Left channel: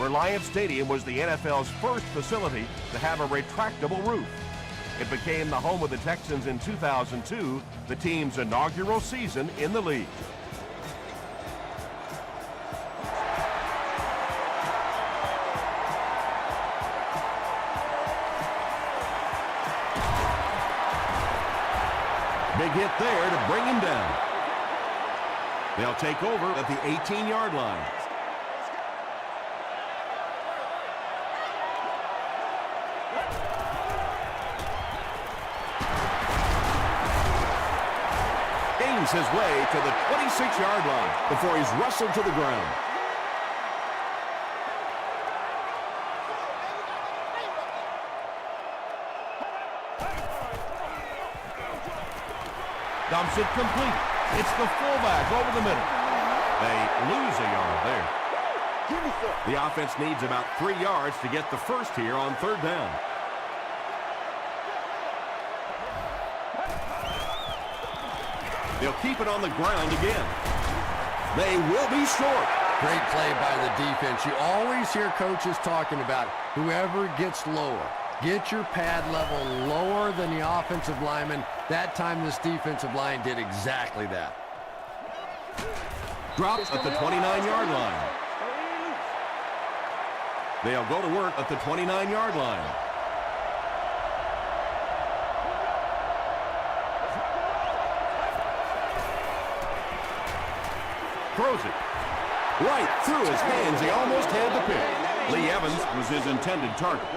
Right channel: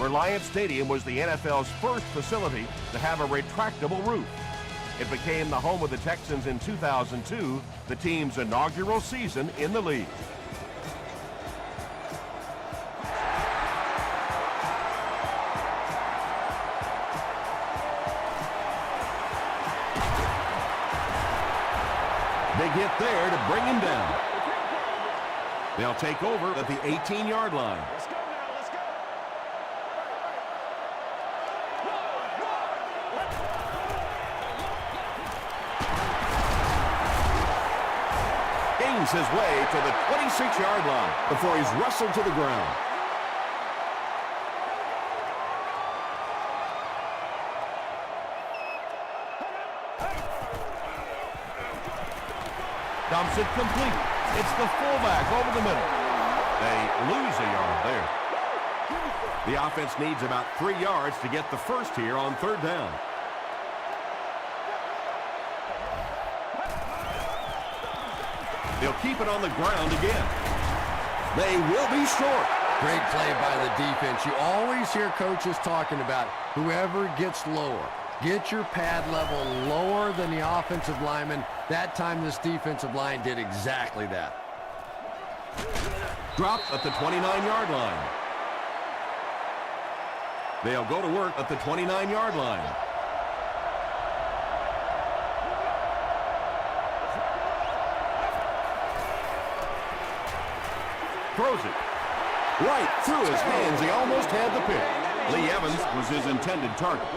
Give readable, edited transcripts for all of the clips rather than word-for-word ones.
Reliant Stadium was the NFL's first facility to have a retractable roof. It became the home of the Texans in 2002, the team's inaugural season in the league. Big hit there to bring him down. They'll take over at the 18-yard line. Let's go now, let's go. Gains his way to the 26-yard line before he's wrestled to the ground. Dumps it complete. It's the fullback over the middle. They lose a yard there. The offense needs about 3 yards to get the first here on third down. They'll keep it on the ground again. They will be short. Great play by the defense. You always hear coaches talking about whoever gets lower. Get your pad level lower than the offensive lineman. That time this defensive line did exactly that. Drops at the 29-yard line. They'll go to work at the 29-yard line. Throws it. Right through his hands. He almost had the pick. Lee Evans was his intended target.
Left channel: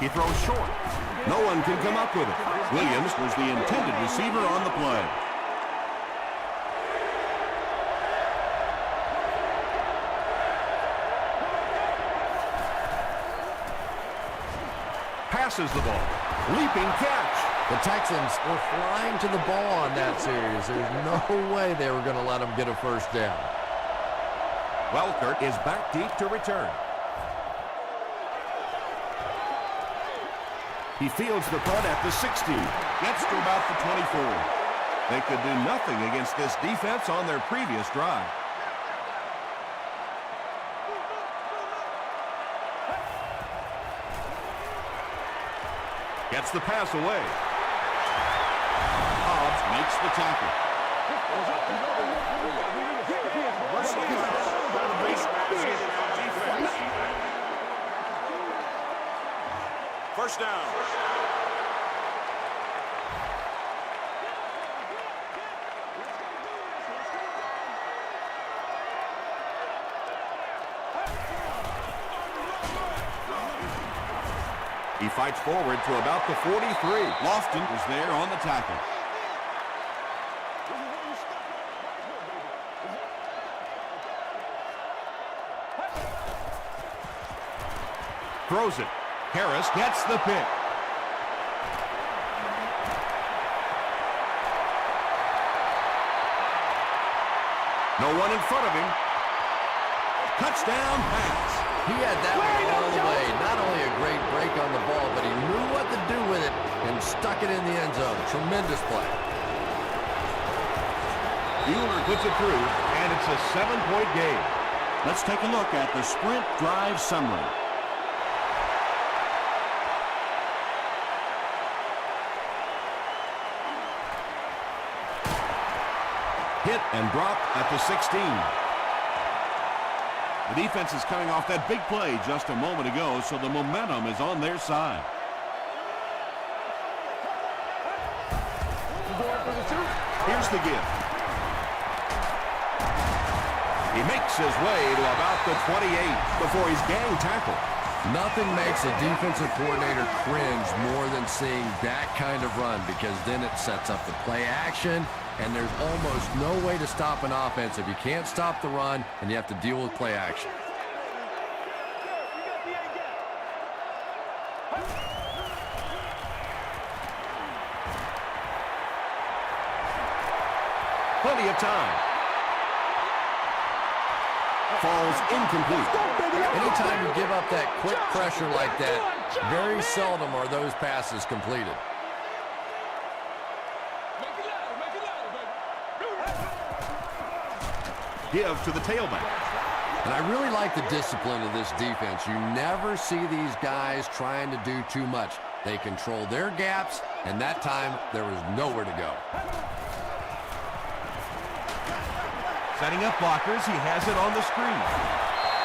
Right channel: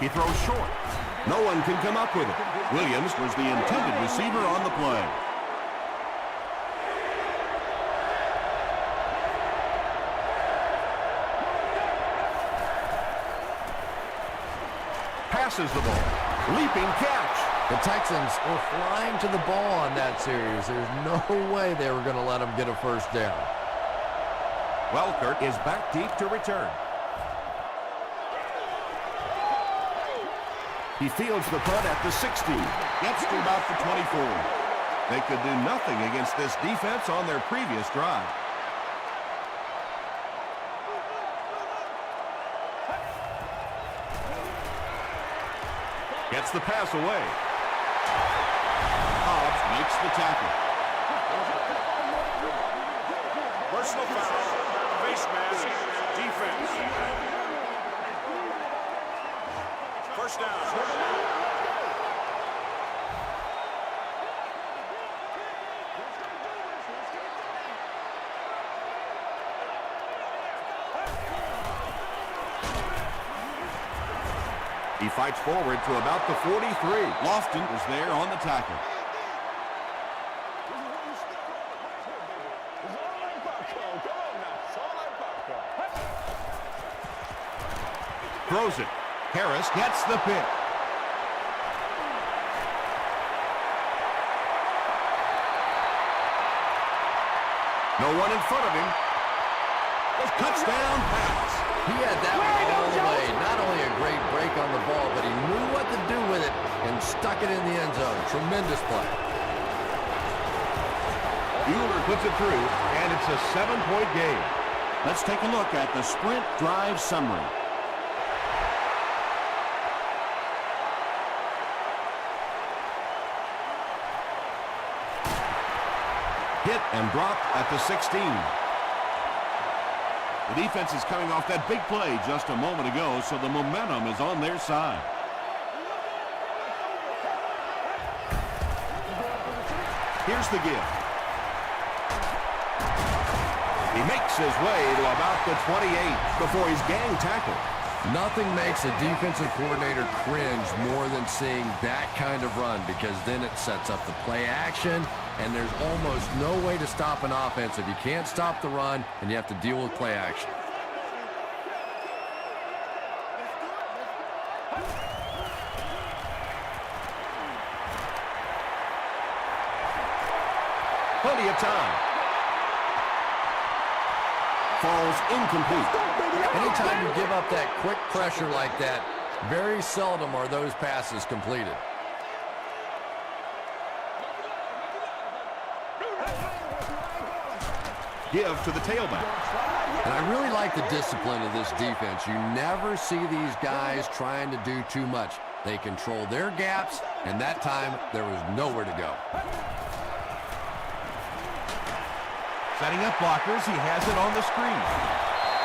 He throws short. No one can come up with it. Williams was the intended receiver on the play. Passes the ball. Leaping catch. The Texans were flying to the ball on that series. There's no way they were going to let them get a first down. Welkert is back deep to return. He fields the punt at the 60. Gets to about the 24. They could do nothing against this defense on their previous drive. Gets the pass away. Hobbs makes the tackle. Personal foul on the face mask defense. He fights forward to about the 43. Lofton was there on the tackle. This is where you step up right here, baby. It's all like popcorn. Come on now. It's all like popcorn. Throws it. Harris gets the pick. No one in front of him. Touchdown pass. He had that one all the way. Not only a great break on the ball, but he knew what to do with it and stuck it in the end zone. Tremendous play. Bueller puts it through, and it's a 7-point game. Let's take a look at the sprint drive summary. Hit and dropped at the 16. The defense is coming off that big play just a moment ago, so the momentum is on their side. Here's the gift. He makes his way to about the 28 before he's gang tackled. Nothing makes a defensive coordinator cringe more than seeing that kind of run, because then it sets up the play action, and there's almost no way to stop an offense if you can't stop the run and you have to deal with play action. Plenty of time. Falls incomplete. Anytime you give up that quick pressure like that, very seldom are those passes completed. give to the tailback. And I really like the discipline of this defense. You never see these guys trying to do too much. They control their gaps, and that time there was nowhere to go. Setting up blockers, he has it on the screen.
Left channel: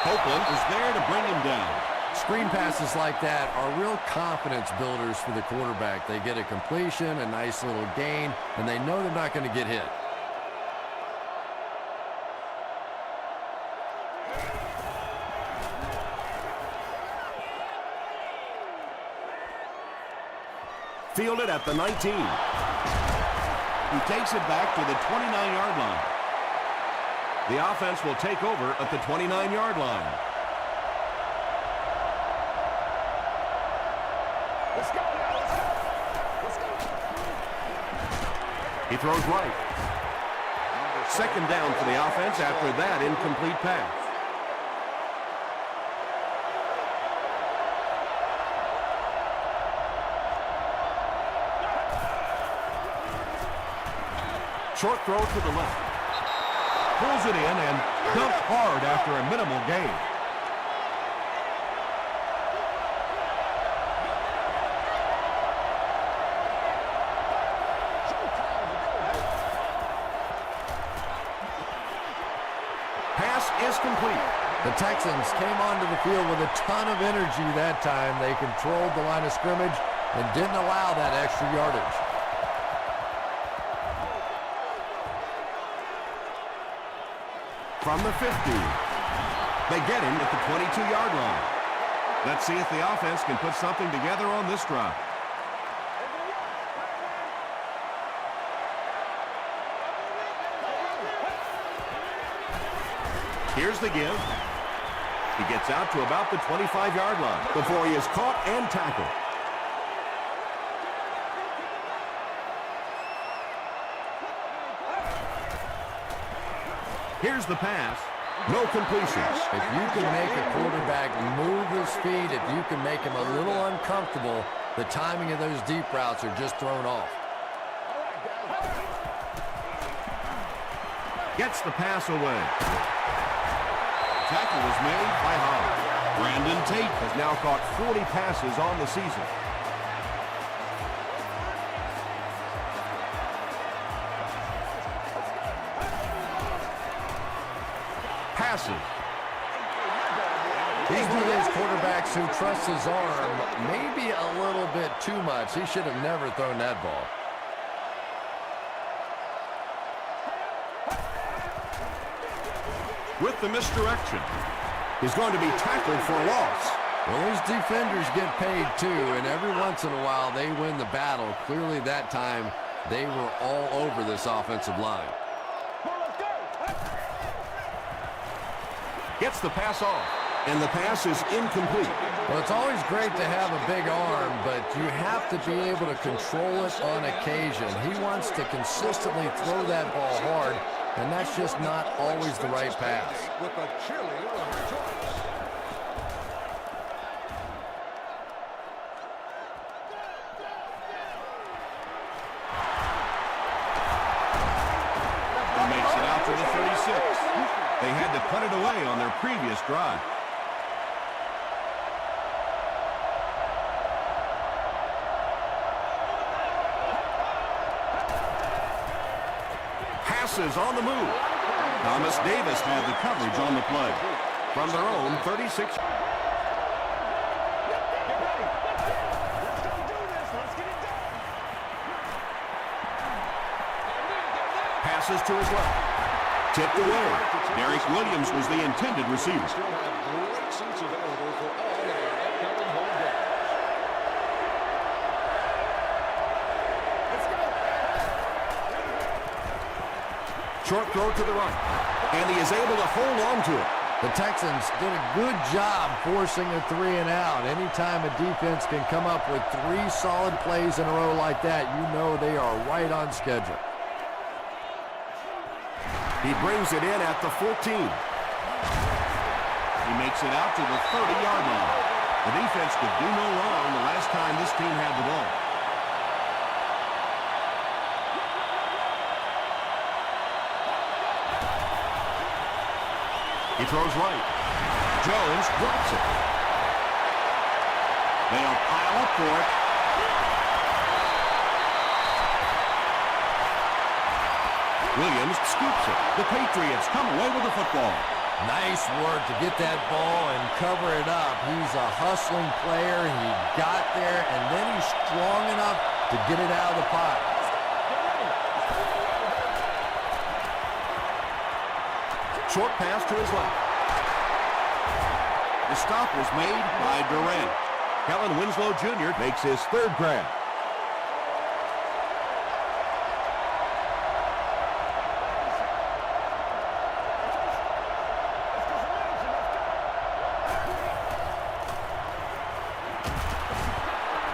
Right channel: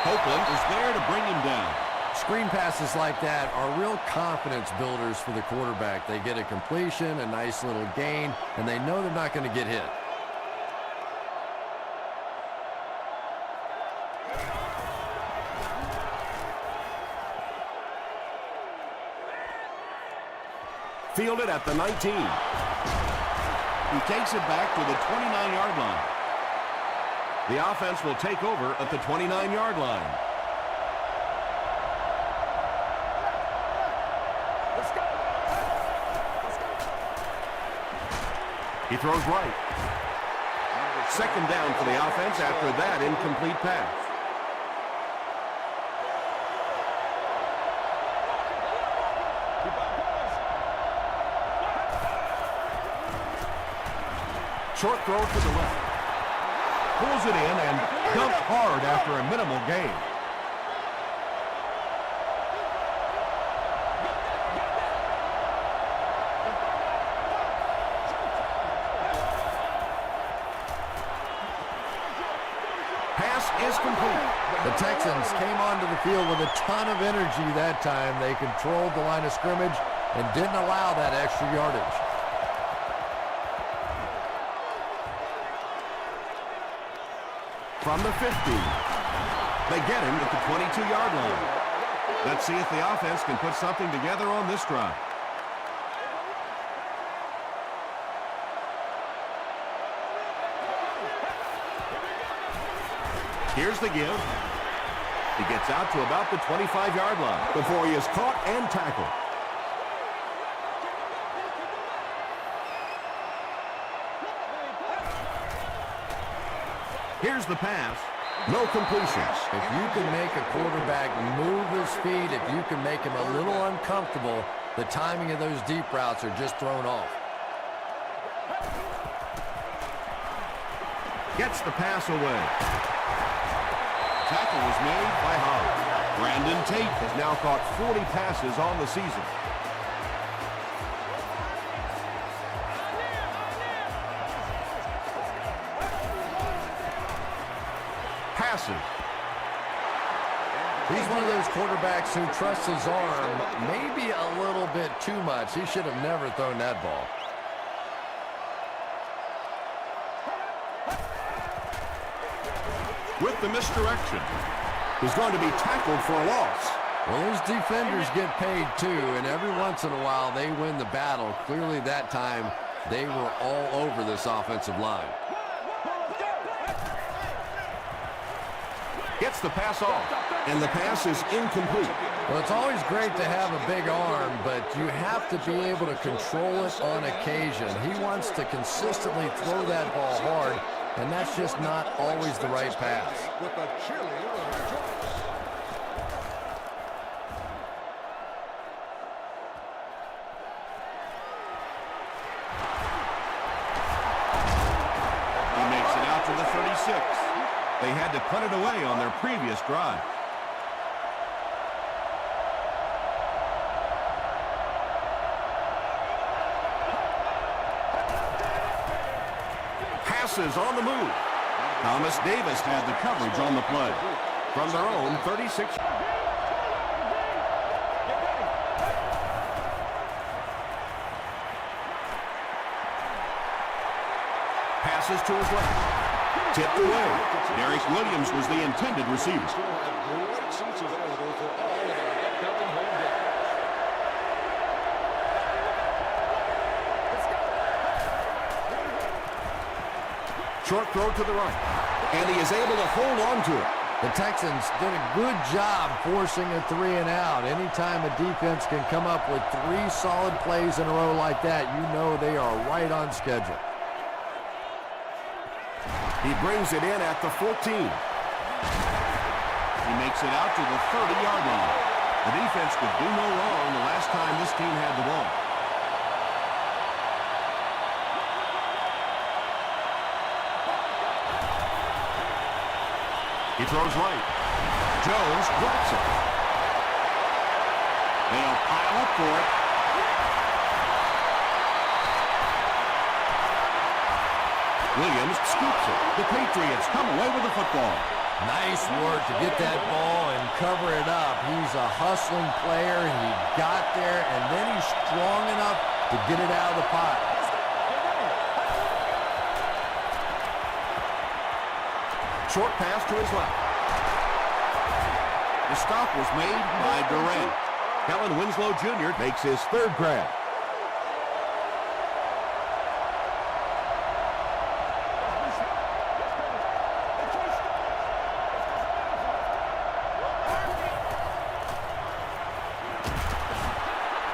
Copeland is there to bring him down. Screen passes like that are real confidence builders for the quarterback. They get a completion, a nice little gain, and they know they're not going to get hit. Fielded at the 19. He takes it back to the 29-yard line. The offense will take over at the 29-yard line. Let's go. Let's go. He throws right. Second down for the offense after that incomplete pass. Short throw to the left. Pulls it in and dumped hard after a minimal gain. Pass is complete. The Texans came onto the field with a ton of energy that time. They controlled the line of scrimmage and didn't allow that extra yardage. From the 50. They get him at the 22-yard line. Let's see if the offense can put something together on this drive. Here's the give. He gets out to about the 25-yard line before he is caught and tackled. Here's the pass. No completions. If you can make a quarterback move his feet, if you can make him a little uncomfortable, the timing of those deep routes are just thrown off. Gets the pass away. Tackle was made by Hall. Brandon Tate has now caught 40 passes on the season. Passes. He's one of those quarterbacks who trusts his arm maybe a little bit too much. He should have never thrown that ball. With the misdirection, he's going to be tackled for a loss. Well, those defenders get paid too, and every once in a while they win the battle. Clearly that time they were all over this offensive line. Gets the pass off, and the pass is incomplete. Well, it's always great to have a big arm, but you have to be able to control it on occasion. He wants to consistently throw that ball hard, and that's just not always the right pass. He makes it out to the 36. They had to punt it away on their previous drive. Passes on the move. Thomas Davis had the coverage on the play. From their own 36. Passes to his left. Tipped away. Derek Williams was the intended receiver. Short throw to the right. And he is able to hold on to it. The Texans did a good job forcing a 3 and out. Anytime a defense can come up with 3 solid plays in a row like that, you know they are right on schedule. He brings it in at the 14. He makes it out to the 30-yard line. The defense could do no wrong the last time this team had the ball. He throws right. Jones drops it. They'll pile up for it. Williams scoops it. The Patriots come away with the football. Nice work to get that ball and cover it up. He's a hustling player. He got there, and then he's strong enough to get it out of the pot. Short pass to his left. The stop was made by Durant. Kellen Winslow Jr. makes his third grab.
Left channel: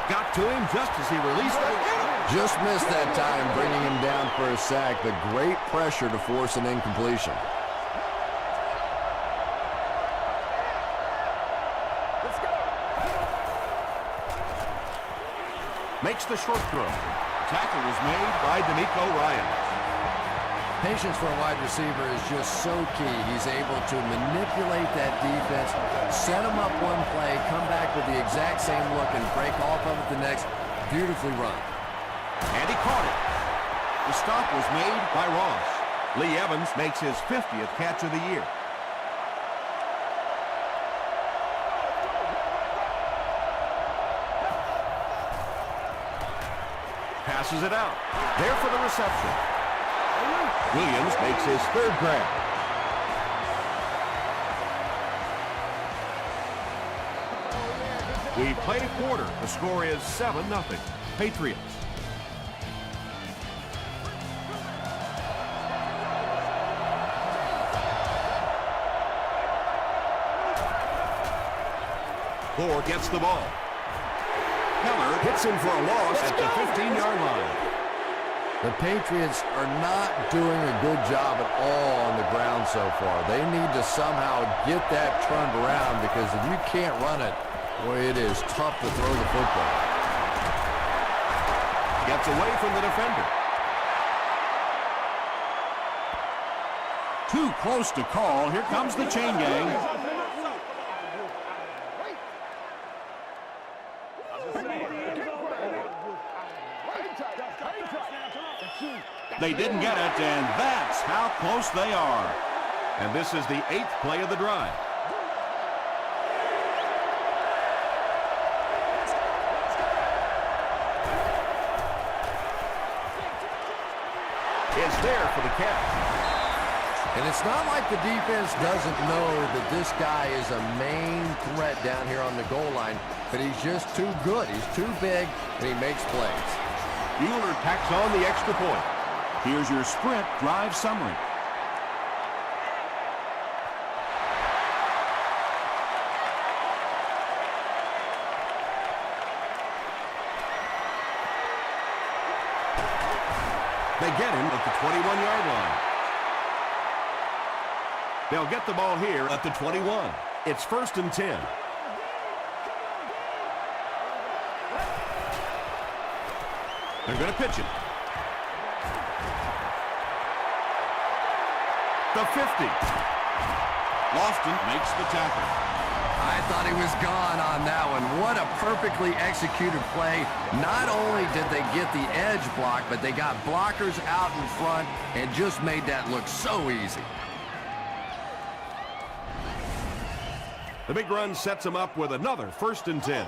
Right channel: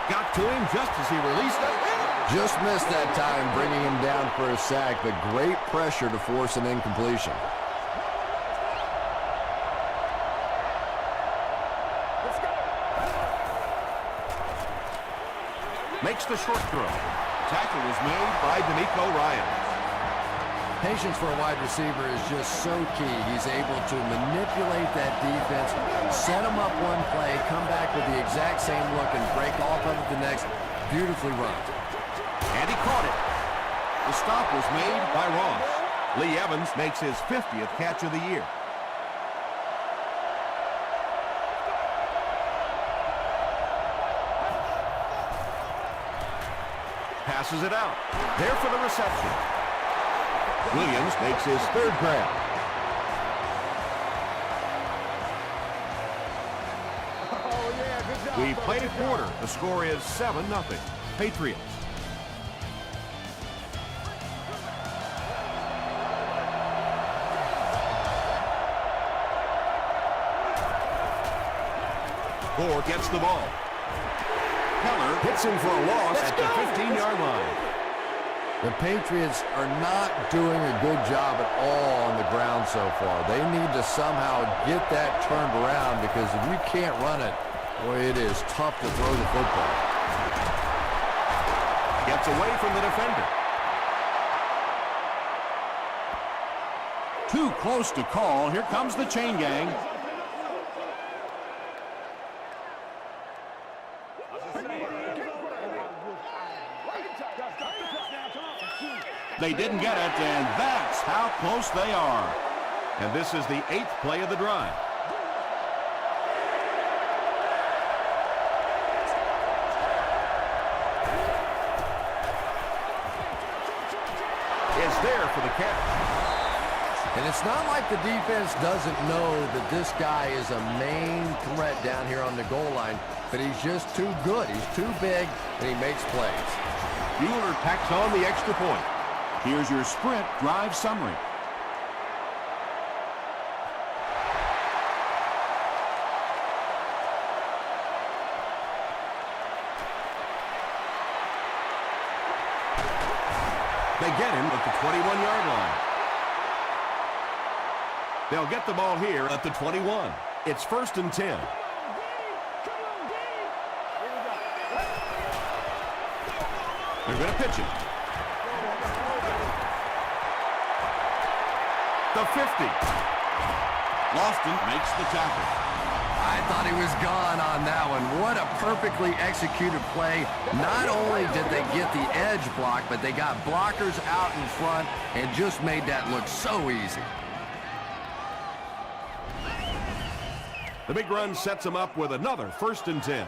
Got to him just as he released it. Just missed that time, bringing him down for a sack, but great pressure to force an incompletion. Makes the short throw. Tackle was made by D'Amico Ryan. Patience for a wide receiver is just so key. He's able to manipulate that defense, set them up one play, come back with the exact same look, and break off of it the next. Beautifully run. And he caught it. The stop was made by Ross. Lee Evans makes his 50th catch of the year. Passes it out. There for the reception. Williams makes his third grab. Oh, yeah, good job. We played a quarter. The score is 7-0. Patriots. Gore gets the ball. Keller hits him for a loss at the 15-yard line. The Patriots are not doing a good job at all on the ground so far. They need to somehow get that turned around, because if you can't run it, boy, it is tough to throw the football. Gets away from the defender. Too close to call. Here comes the chain gang. They didn't get it, and that's how close they are. And this is the 8th play of the drive. Is there for the catch. And it's not like the defense doesn't know that this guy is a main threat down here on the goal line, but he's just too good. He's too big, and he makes plays. Bueller tacks on the extra point. Here's your sprint drive summary. They get him at the 21-yard line. They'll get the ball here at the 21. It's 1st and 10. They're going to pitch it. The 50. Lofton makes the tackle. I thought he was gone on that one. What a perfectly executed play. Not only did they get the edge block, but they got blockers out in front and just made that look so easy. The big run sets them up with another 1st and 10.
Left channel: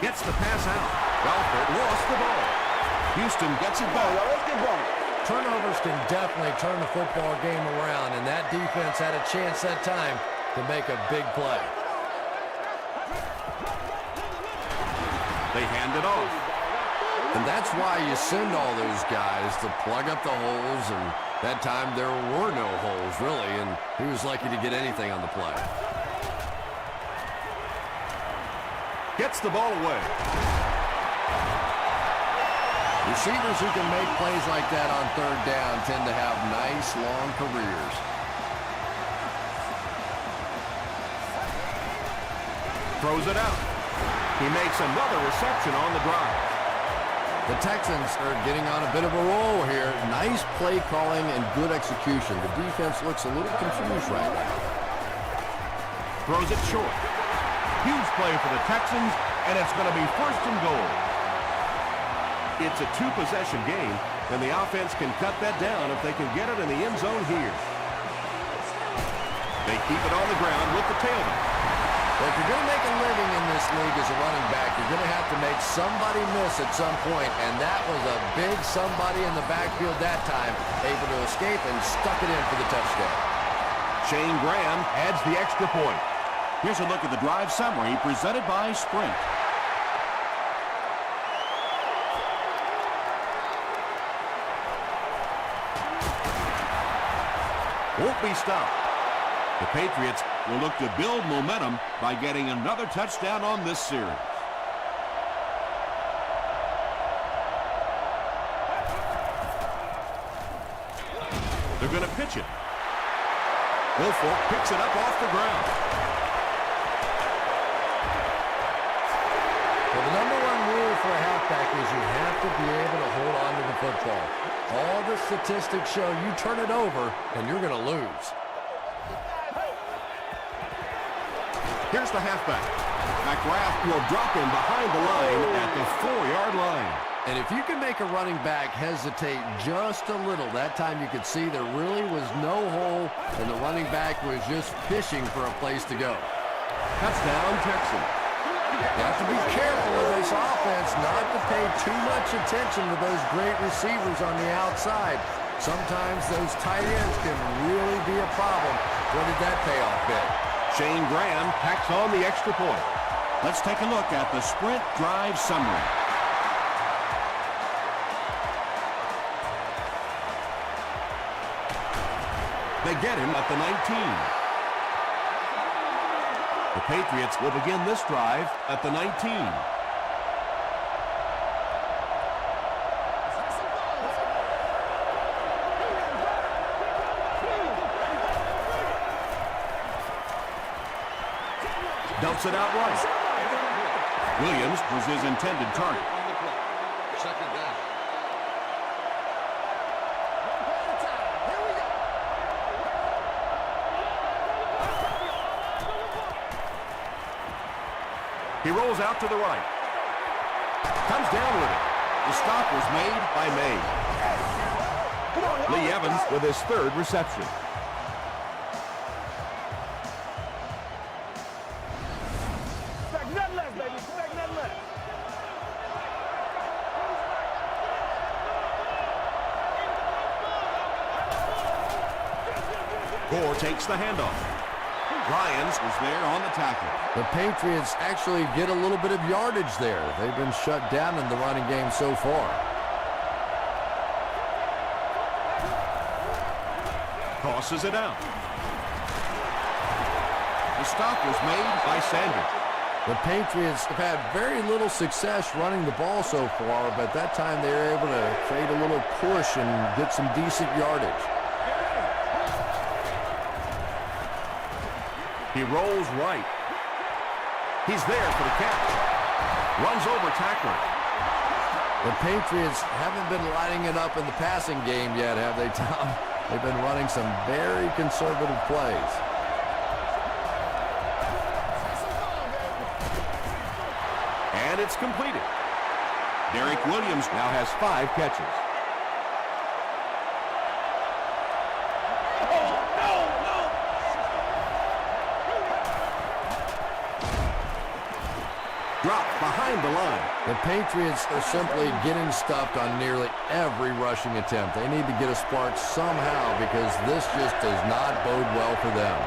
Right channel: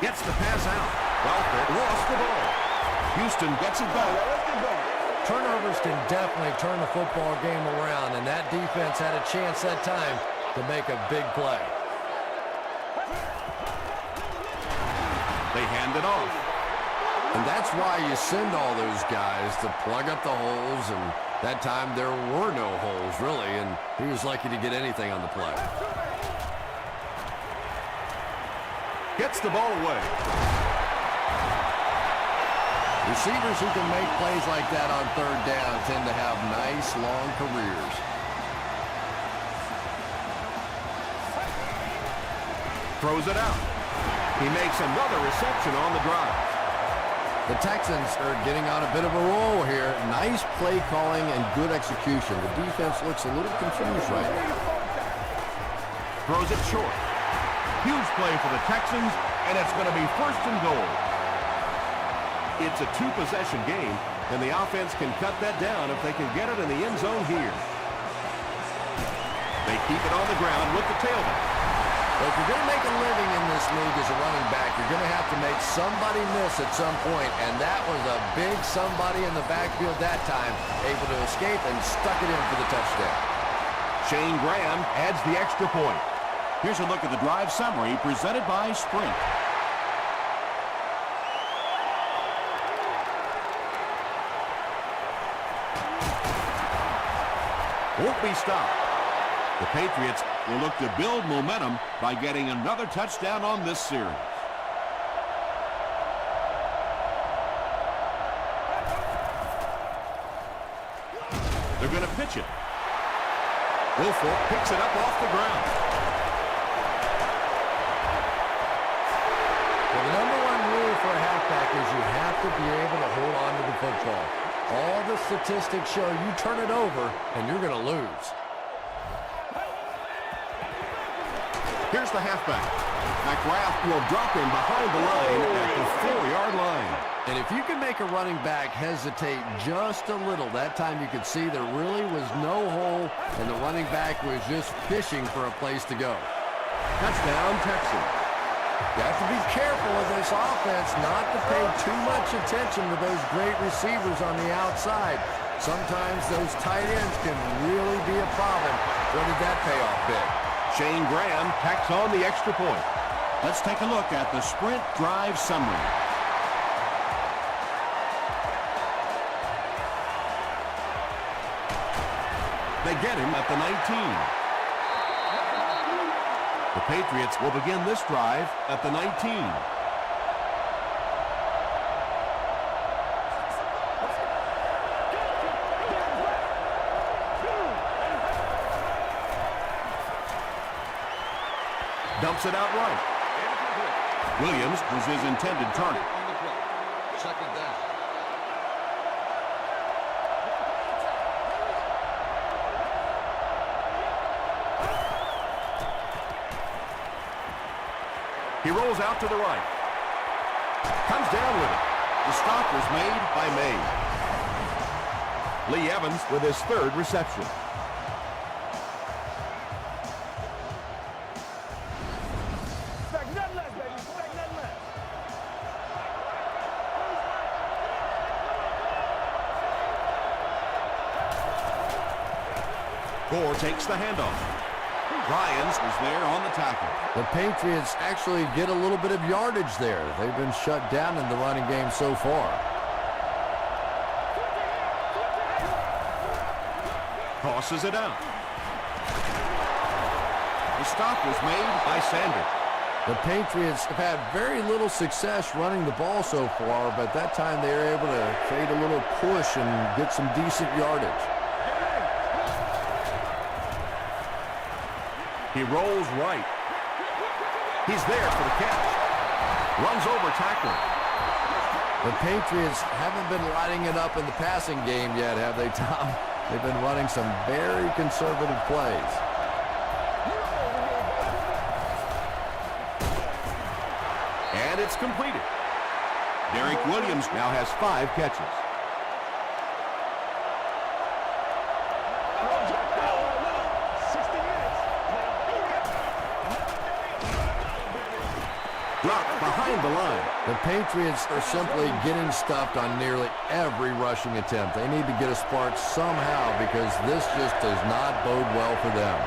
Gets the pass out. Welford lost the ball. Houston gets it back. Y'all, let's get going. Turnovers can definitely turn the football game around, and that defense had a chance that time to make a big play. They hand it off. And that's why you send all those guys to plug up the holes, and that time there were no holes, really, and he was lucky to get anything on the play. Gets the ball away. Receivers who can make plays like that on 3rd down tend to have nice, long careers. Throws it out. He makes another reception on the drive. The Texans are getting on a bit of a roll here. Nice play calling and good execution. The defense looks a little confused right now. Throws it short. Huge play for the Texans, and it's going to be 1st and goal. It's a 2-possession game, and the offense can cut that down if they can get it in the end zone here. They keep it on the ground with the tailback. Well, if you're going to make a living in this league as a running back, you're going to have to make somebody miss at some point, and that was a big somebody in the backfield that time, able to escape and stuck it in for the touchdown. Shane Graham adds the extra point. Here's a look at the drive summary presented by Sprint. Won't be stopped. The Patriots Will look to build momentum by getting another touchdown on this series. They're going to pitch it. Wilfork picks it up off the ground. Well, the #1 rule for a halfback is you have to be able to hold on to the football. All the statistics show you turn it over and you're going to lose. Here's the halfback. McGrath will drop him behind the line at the 4-yard line. And if you can make a running back hesitate just a little, that time you could see there really was no hole, and the running back was just fishing for a place to go. Touchdown, Texans. You have to be careful with this offense not to pay too much attention to those great receivers on the outside. Sometimes those tight ends can really be a problem. What did that payoff big? Shane Graham tacks on the extra point. Let's take a look at the Sprint drive summary. They get him at the 19. The Patriots will begin this drive at the 19. Dumps it out right. Williams was his intended target. Second down. He rolls out to the right. Comes down with it. The stop was made by May. Lee Evans with his 3rd reception. Expect nothing less, baby. Expect nothing less. Gore takes the handoff. Ryans Was there on the tackle. The Patriots actually get a little bit of yardage there. They've been shut down in the running game so far. tosses it out. The stop was made by Sanders. The Patriots have had very little success running the ball so far, but that time they were able to create a little push and get some decent yardage. He rolls right. He's there for the catch. Runs over tackler. The Patriots haven't been lighting it up in the passing game yet, have they, Tom? They've been running some very conservative plays. And it's completed. Derek Williams now has 5 catches. Dropped behind the line. The Patriots are simply getting stuffed on nearly every rushing attempt. They need to get a spark somehow because this just does not bode well for them.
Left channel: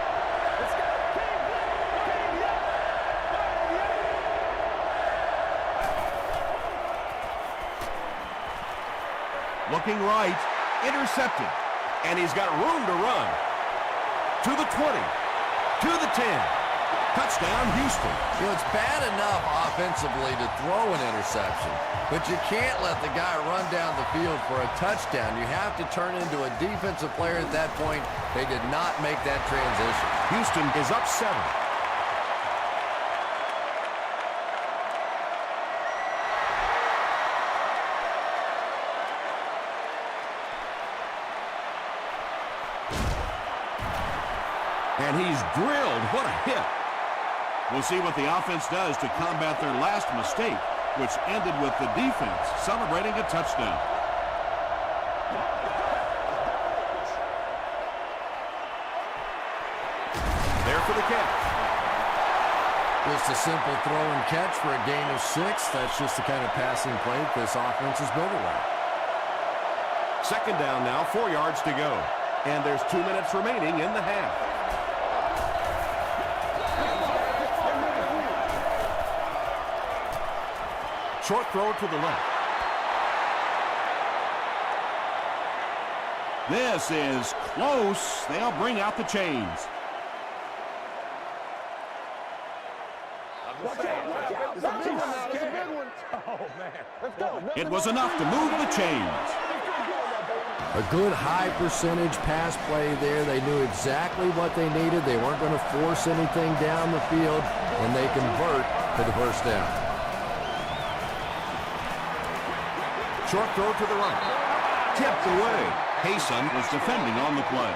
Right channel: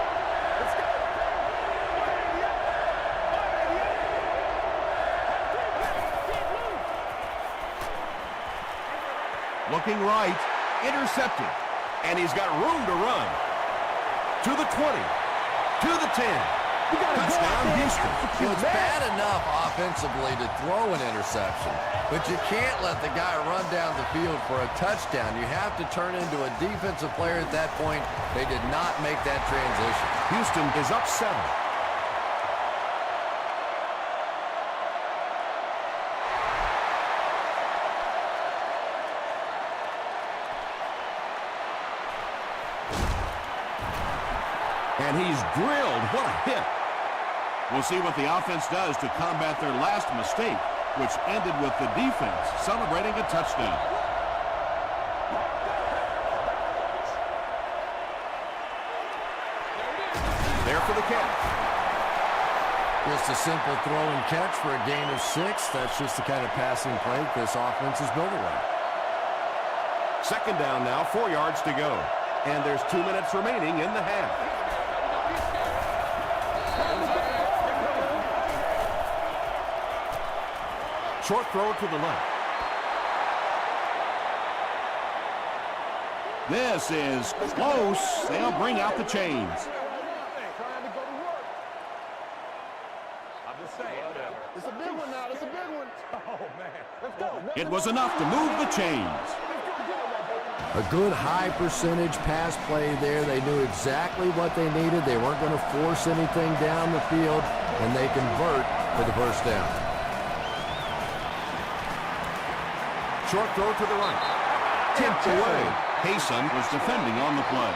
Looking right, intercepted. And he's got room to run. To the 20, to the 10. Touchdown, Houston. Well, it's bad enough offensively to throw an interception, but you can't let the guy run down the field for a touchdown. You have to turn into a defensive player at that point. They did not make that transition. Houston is up 7. And he's drilled. What a hit. We'll see what the offense does to combat their last mistake, which ended with the defense celebrating a touchdown. There for the catch. Just a simple throw and catch for a gain of 6. That's just the kind of passing play that this offense is built around. Second down now, 4 yards to go. And there's 2 minutes remaining in the half. Short throw to the left. This is close. They'll bring out the chains. It's a big one now. It's a big one. Oh, man. Let's go. It was enough to move the chains. A good high percentage pass play there. They knew exactly what they needed. They weren't going to force anything down the field, and they convert for the first down. Short throw to the right. Tipped away. Hayson was defending on the play.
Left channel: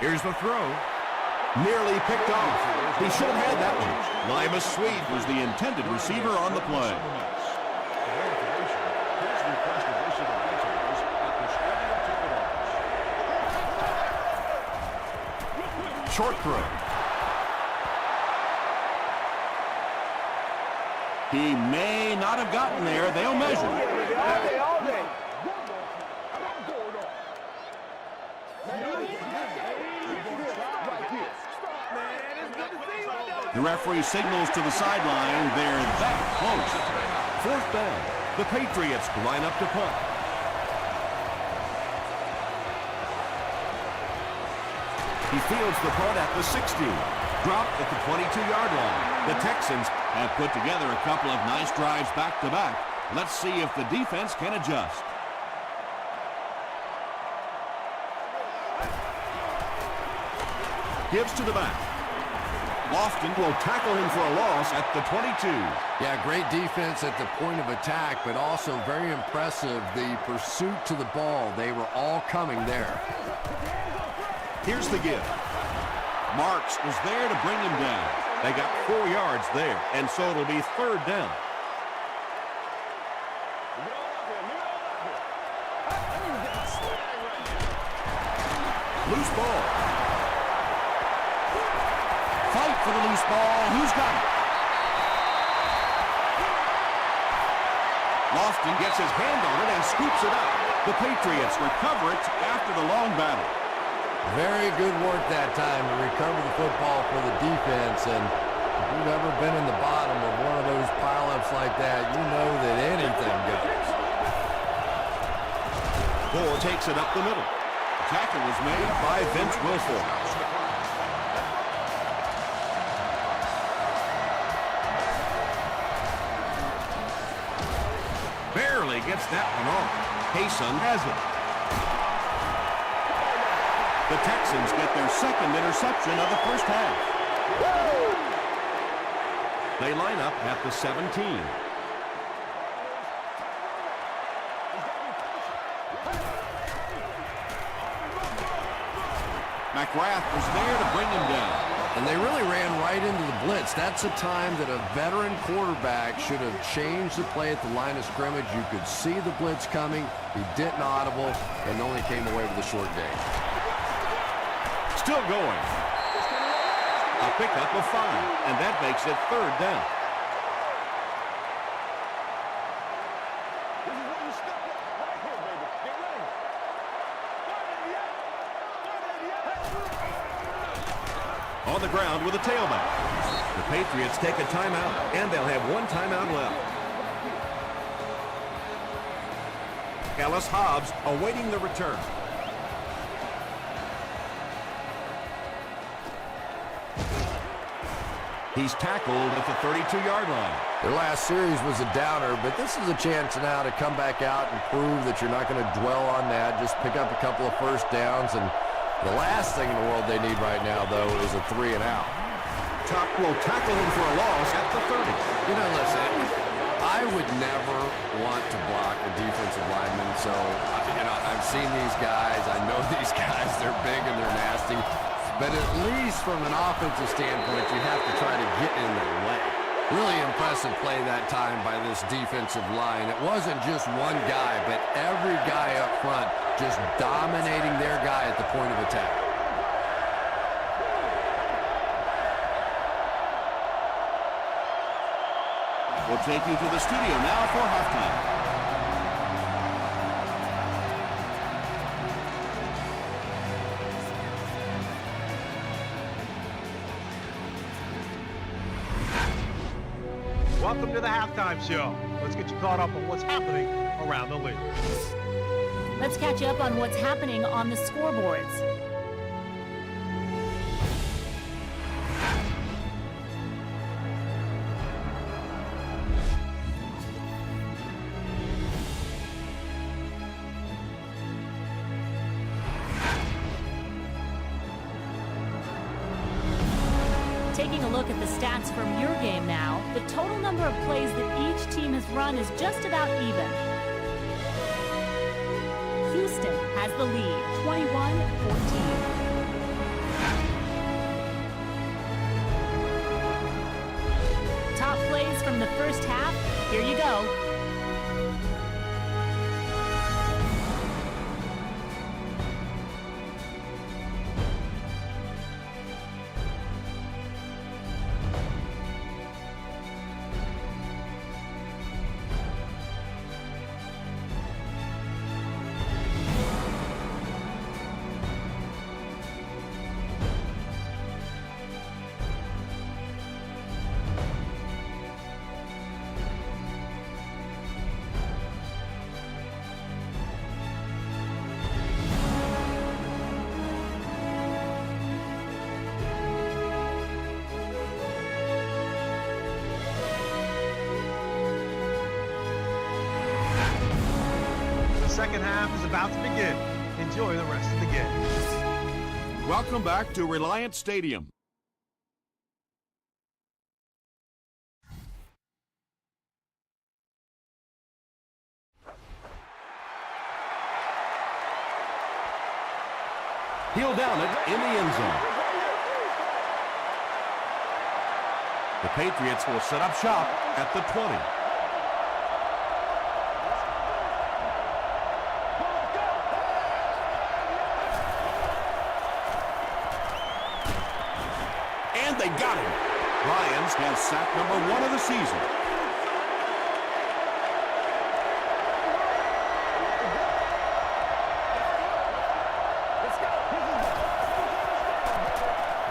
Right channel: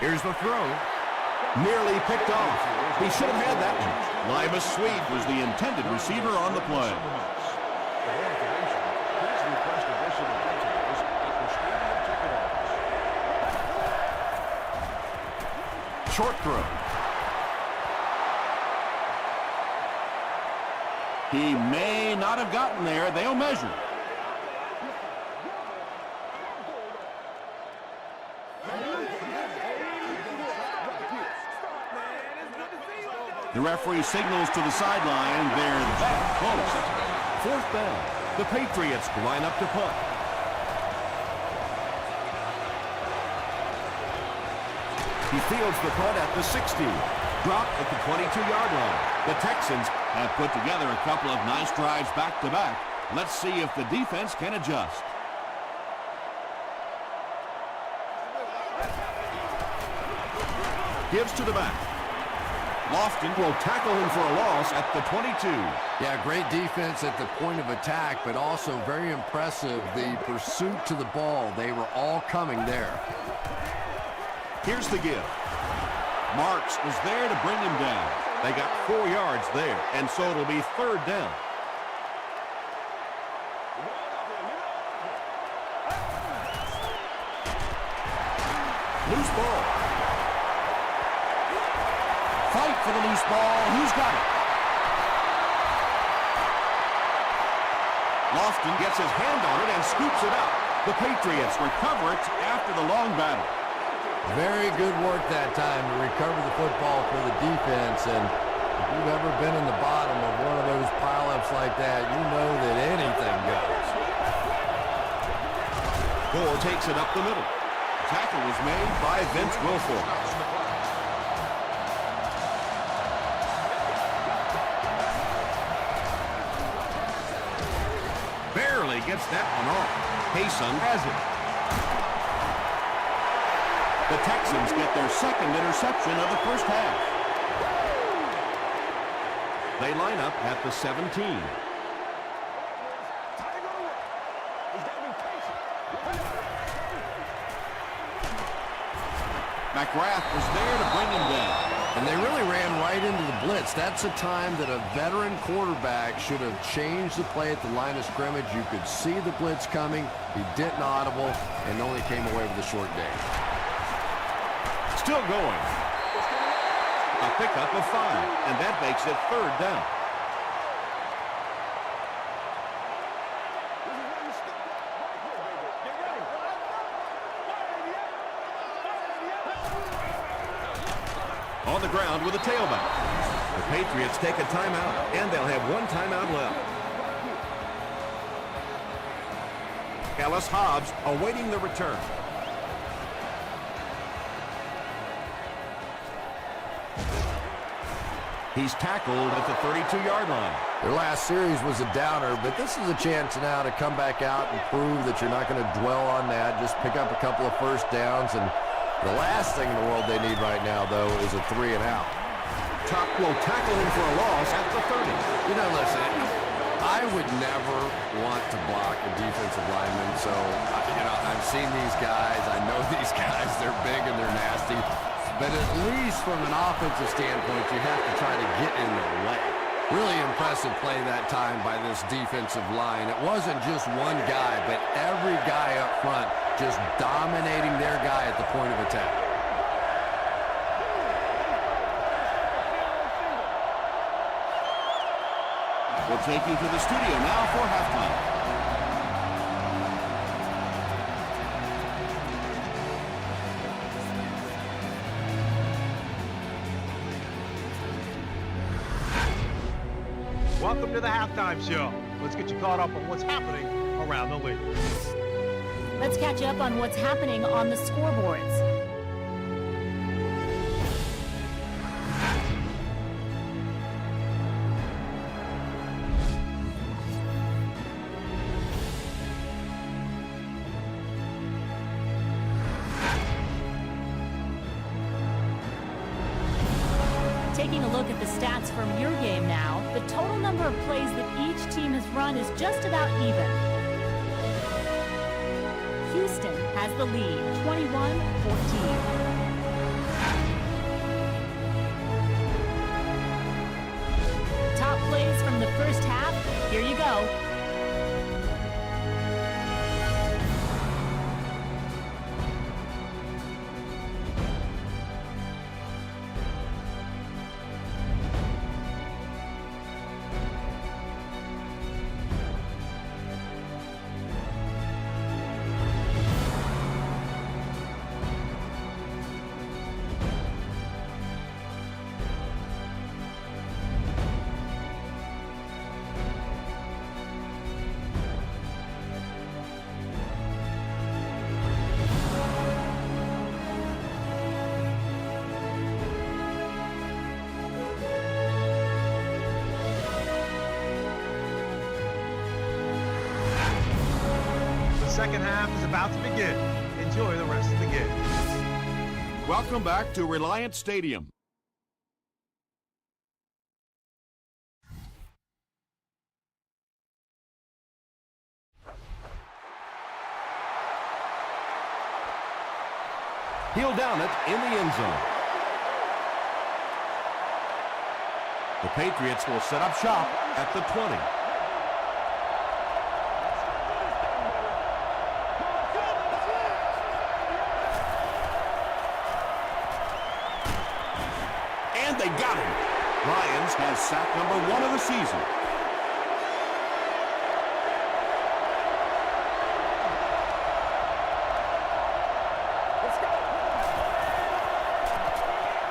Here's the throw. Nearly picked off. He should have had that one. Limas Sweet was the intended receiver on the play. Short throw. He may not have gotten there. They'll measure. The referee signals to the sideline. They're that close. Fourth down. The Patriots line up to punt. He fields the punt at the 60. Dropped at the 22-yard line. The Texans have put together a couple of nice drives back-to-back. Let's see if the defense can adjust. gives to the back. Lofton will tackle him for a loss at the 22. Yeah, great defense at the point of attack, but also very impressive, the pursuit to the ball. They were all coming there. Here's the give. Marks was there to bring him down. They got 4 yards there, and so it'll be third down. Loose ball. Fight for the loose ball. Who's got it? Lofton gets his hand on it and scoops it up. The Patriots recover it after the long battle. Very good work that time to recover the football for the defense. And if you've ever been in the bottom of one of those pileups like that, you know that anything goes. Gore takes it up the middle. Tackle was made by Vince Wilfork. Barely gets that one off. Hayson has it. The Texans get their second interception of the first half. They line up at the 17. McGrath was there to bring him down. And they really ran right into the blitz. That's a time that a veteran quarterback should have changed the play at the line of scrimmage. You could see the blitz coming. He didn't audible and only came away with a short gain. Still going. A pickup of 5, and that makes it third down. This is where you step up. Right here, baby. Get ready. On the ground with a tailback. The Patriots take a timeout, and they'll have 1 timeout left. Ellis Hobbs awaiting the return. He's tackled at the 32-yard line. Their last series was a downer, but this is a chance now to come back out and prove that you're not going to dwell on that. Just pick up a couple of first downs, and the last thing in the world they need right now, though, is a 3-and-out. Will tackle him for a loss at the 30. You know, listen, I would never want to block a defensive lineman, so, I've seen these guys. I know these guys. They're big and they're nasty. But at least from an offensive standpoint, you have to try to get in their way. Really impressive play that time by this defensive line. It wasn't just one guy, but every guy up front just dominating their guy at the point of attack. We'll take you to the studio now for halftime. Welcome to the halftime show. Let's get you caught up on what's happening around the league. Let's catch up on what's happening on the scoreboards. Taking a look at the stats from your game now, the total number of plays that each team has run is just about even. Houston has the lead, 21-14. Top plays from the first half, here you go. The second half is about to begin. Enjoy the rest of the game. Welcome back to Reliant Stadium. He'll down it in the end zone. The Patriots will set up shop at the 20. And they got him. Ryans has sack number 1 of the season.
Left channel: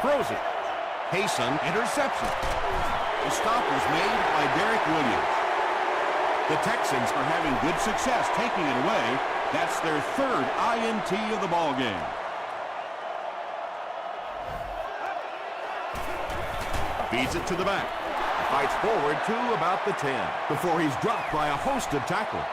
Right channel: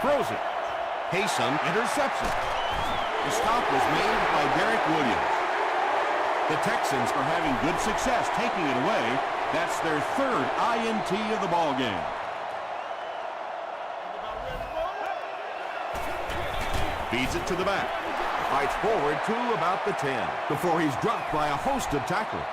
Throws it. Hayson intercepts it. The stop was made by Derek Williams. The Texans are having good success taking it away. That's their 3rd INT of the ball game. Feeds it to the back. Fights forward to about the 10 before he's dropped by a host of tacklers.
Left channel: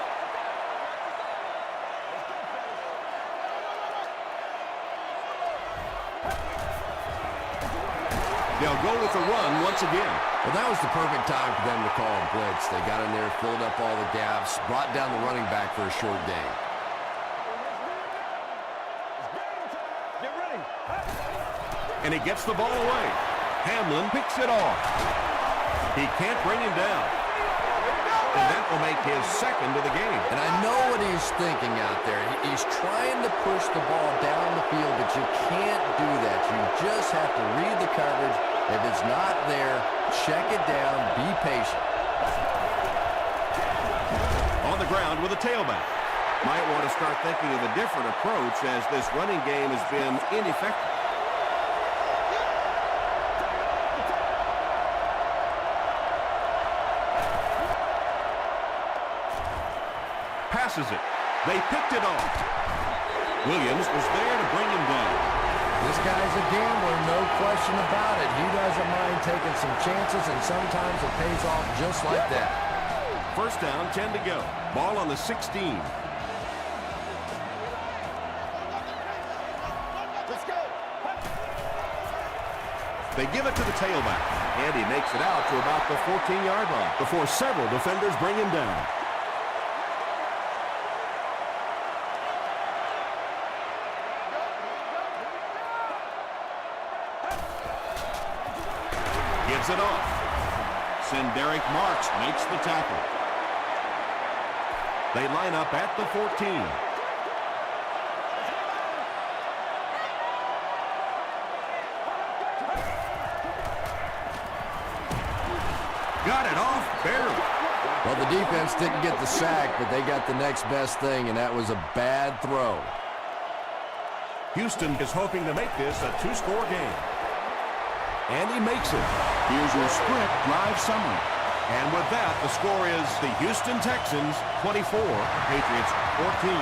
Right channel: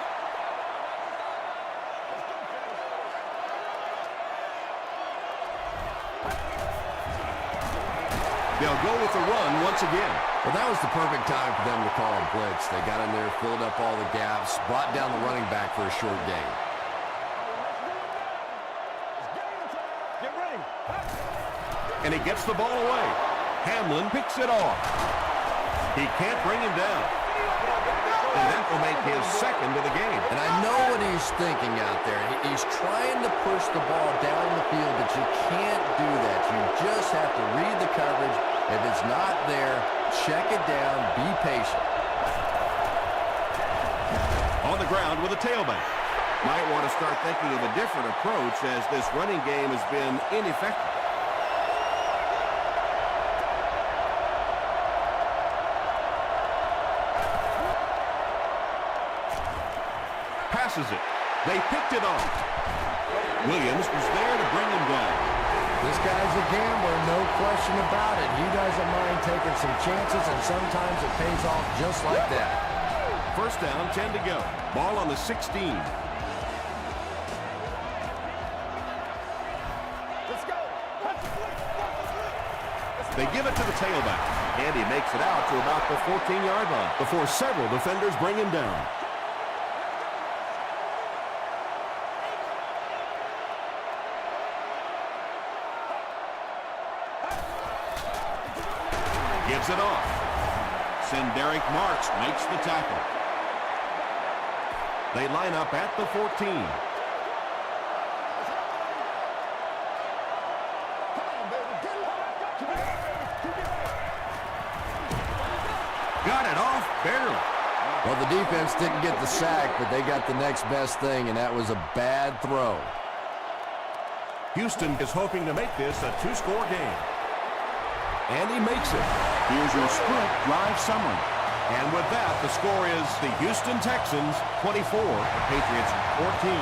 They'll go with the run once again. Well, that was the perfect time for them to call a blitz. They got in there, filled up all the gaps, brought down the running back for a short gain. Get ready. And he gets the ball away. Hamlin picks it off. He can't bring him down. And that will make his 2nd of the game. And I know what he's thinking out there. He's trying to push the ball down the field, but you can't do that. You just have to read the coverage. If it's not there, check it down, be patient. On the ground with a tailback. Might want to start thinking of a different approach as this running game has been ineffective. Passes it. They picked it off. Williams was there to bring him down. This guy's a gambler, no question about it. He doesn't mind taking some chances, and sometimes it pays off just like that. First down, 10 to go. Ball on the 16. They give it to the tailback, and he makes it out to about the 14-yard line before several defenders bring him down. Gives it off. Derek Marks makes the tackle. They line up at the 14. Got it off barely. Well, the defense didn't get the sack, but they got the next best thing, and that was a bad throw. Houston is hoping to make this a two-score game. And he makes it. Here's your sprint drive summary. And with that, the score is the Houston Texans 24, the Patriots 14.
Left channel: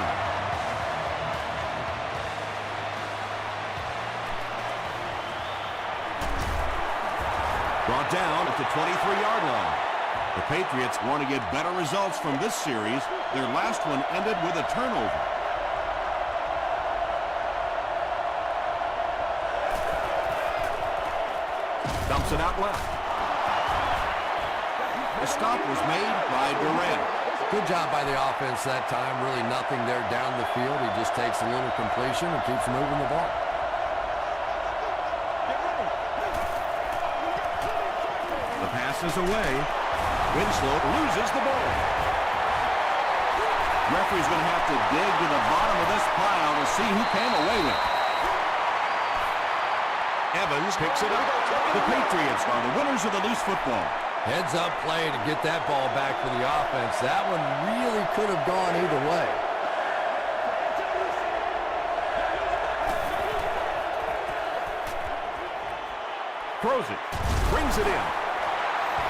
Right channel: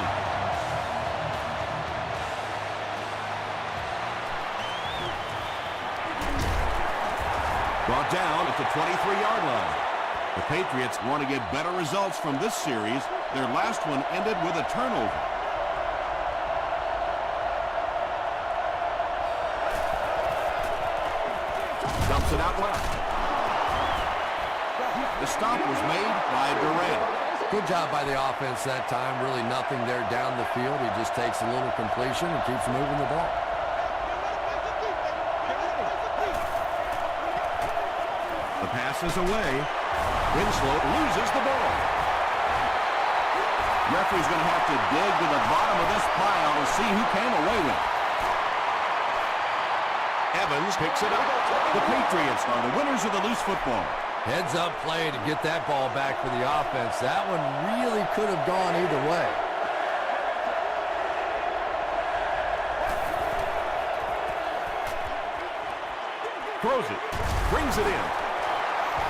Brought down at the 23-yard line. The Patriots want to get better results from this series. Their last one ended with a turnover. Dumps it out left. The stop was made by Durant. Good job by the offense that time. Really nothing there down the field. He just takes a little completion and keeps moving the ball. The pass is away. Winslow loses the ball. Referee's going to have to dig to the bottom of this pile to see who came away with it. Evans picks it up. The Patriots are the winners of the loose football. Heads-up play to get that ball back for the offense. That one really could have gone either way. Throws it. Brings it in.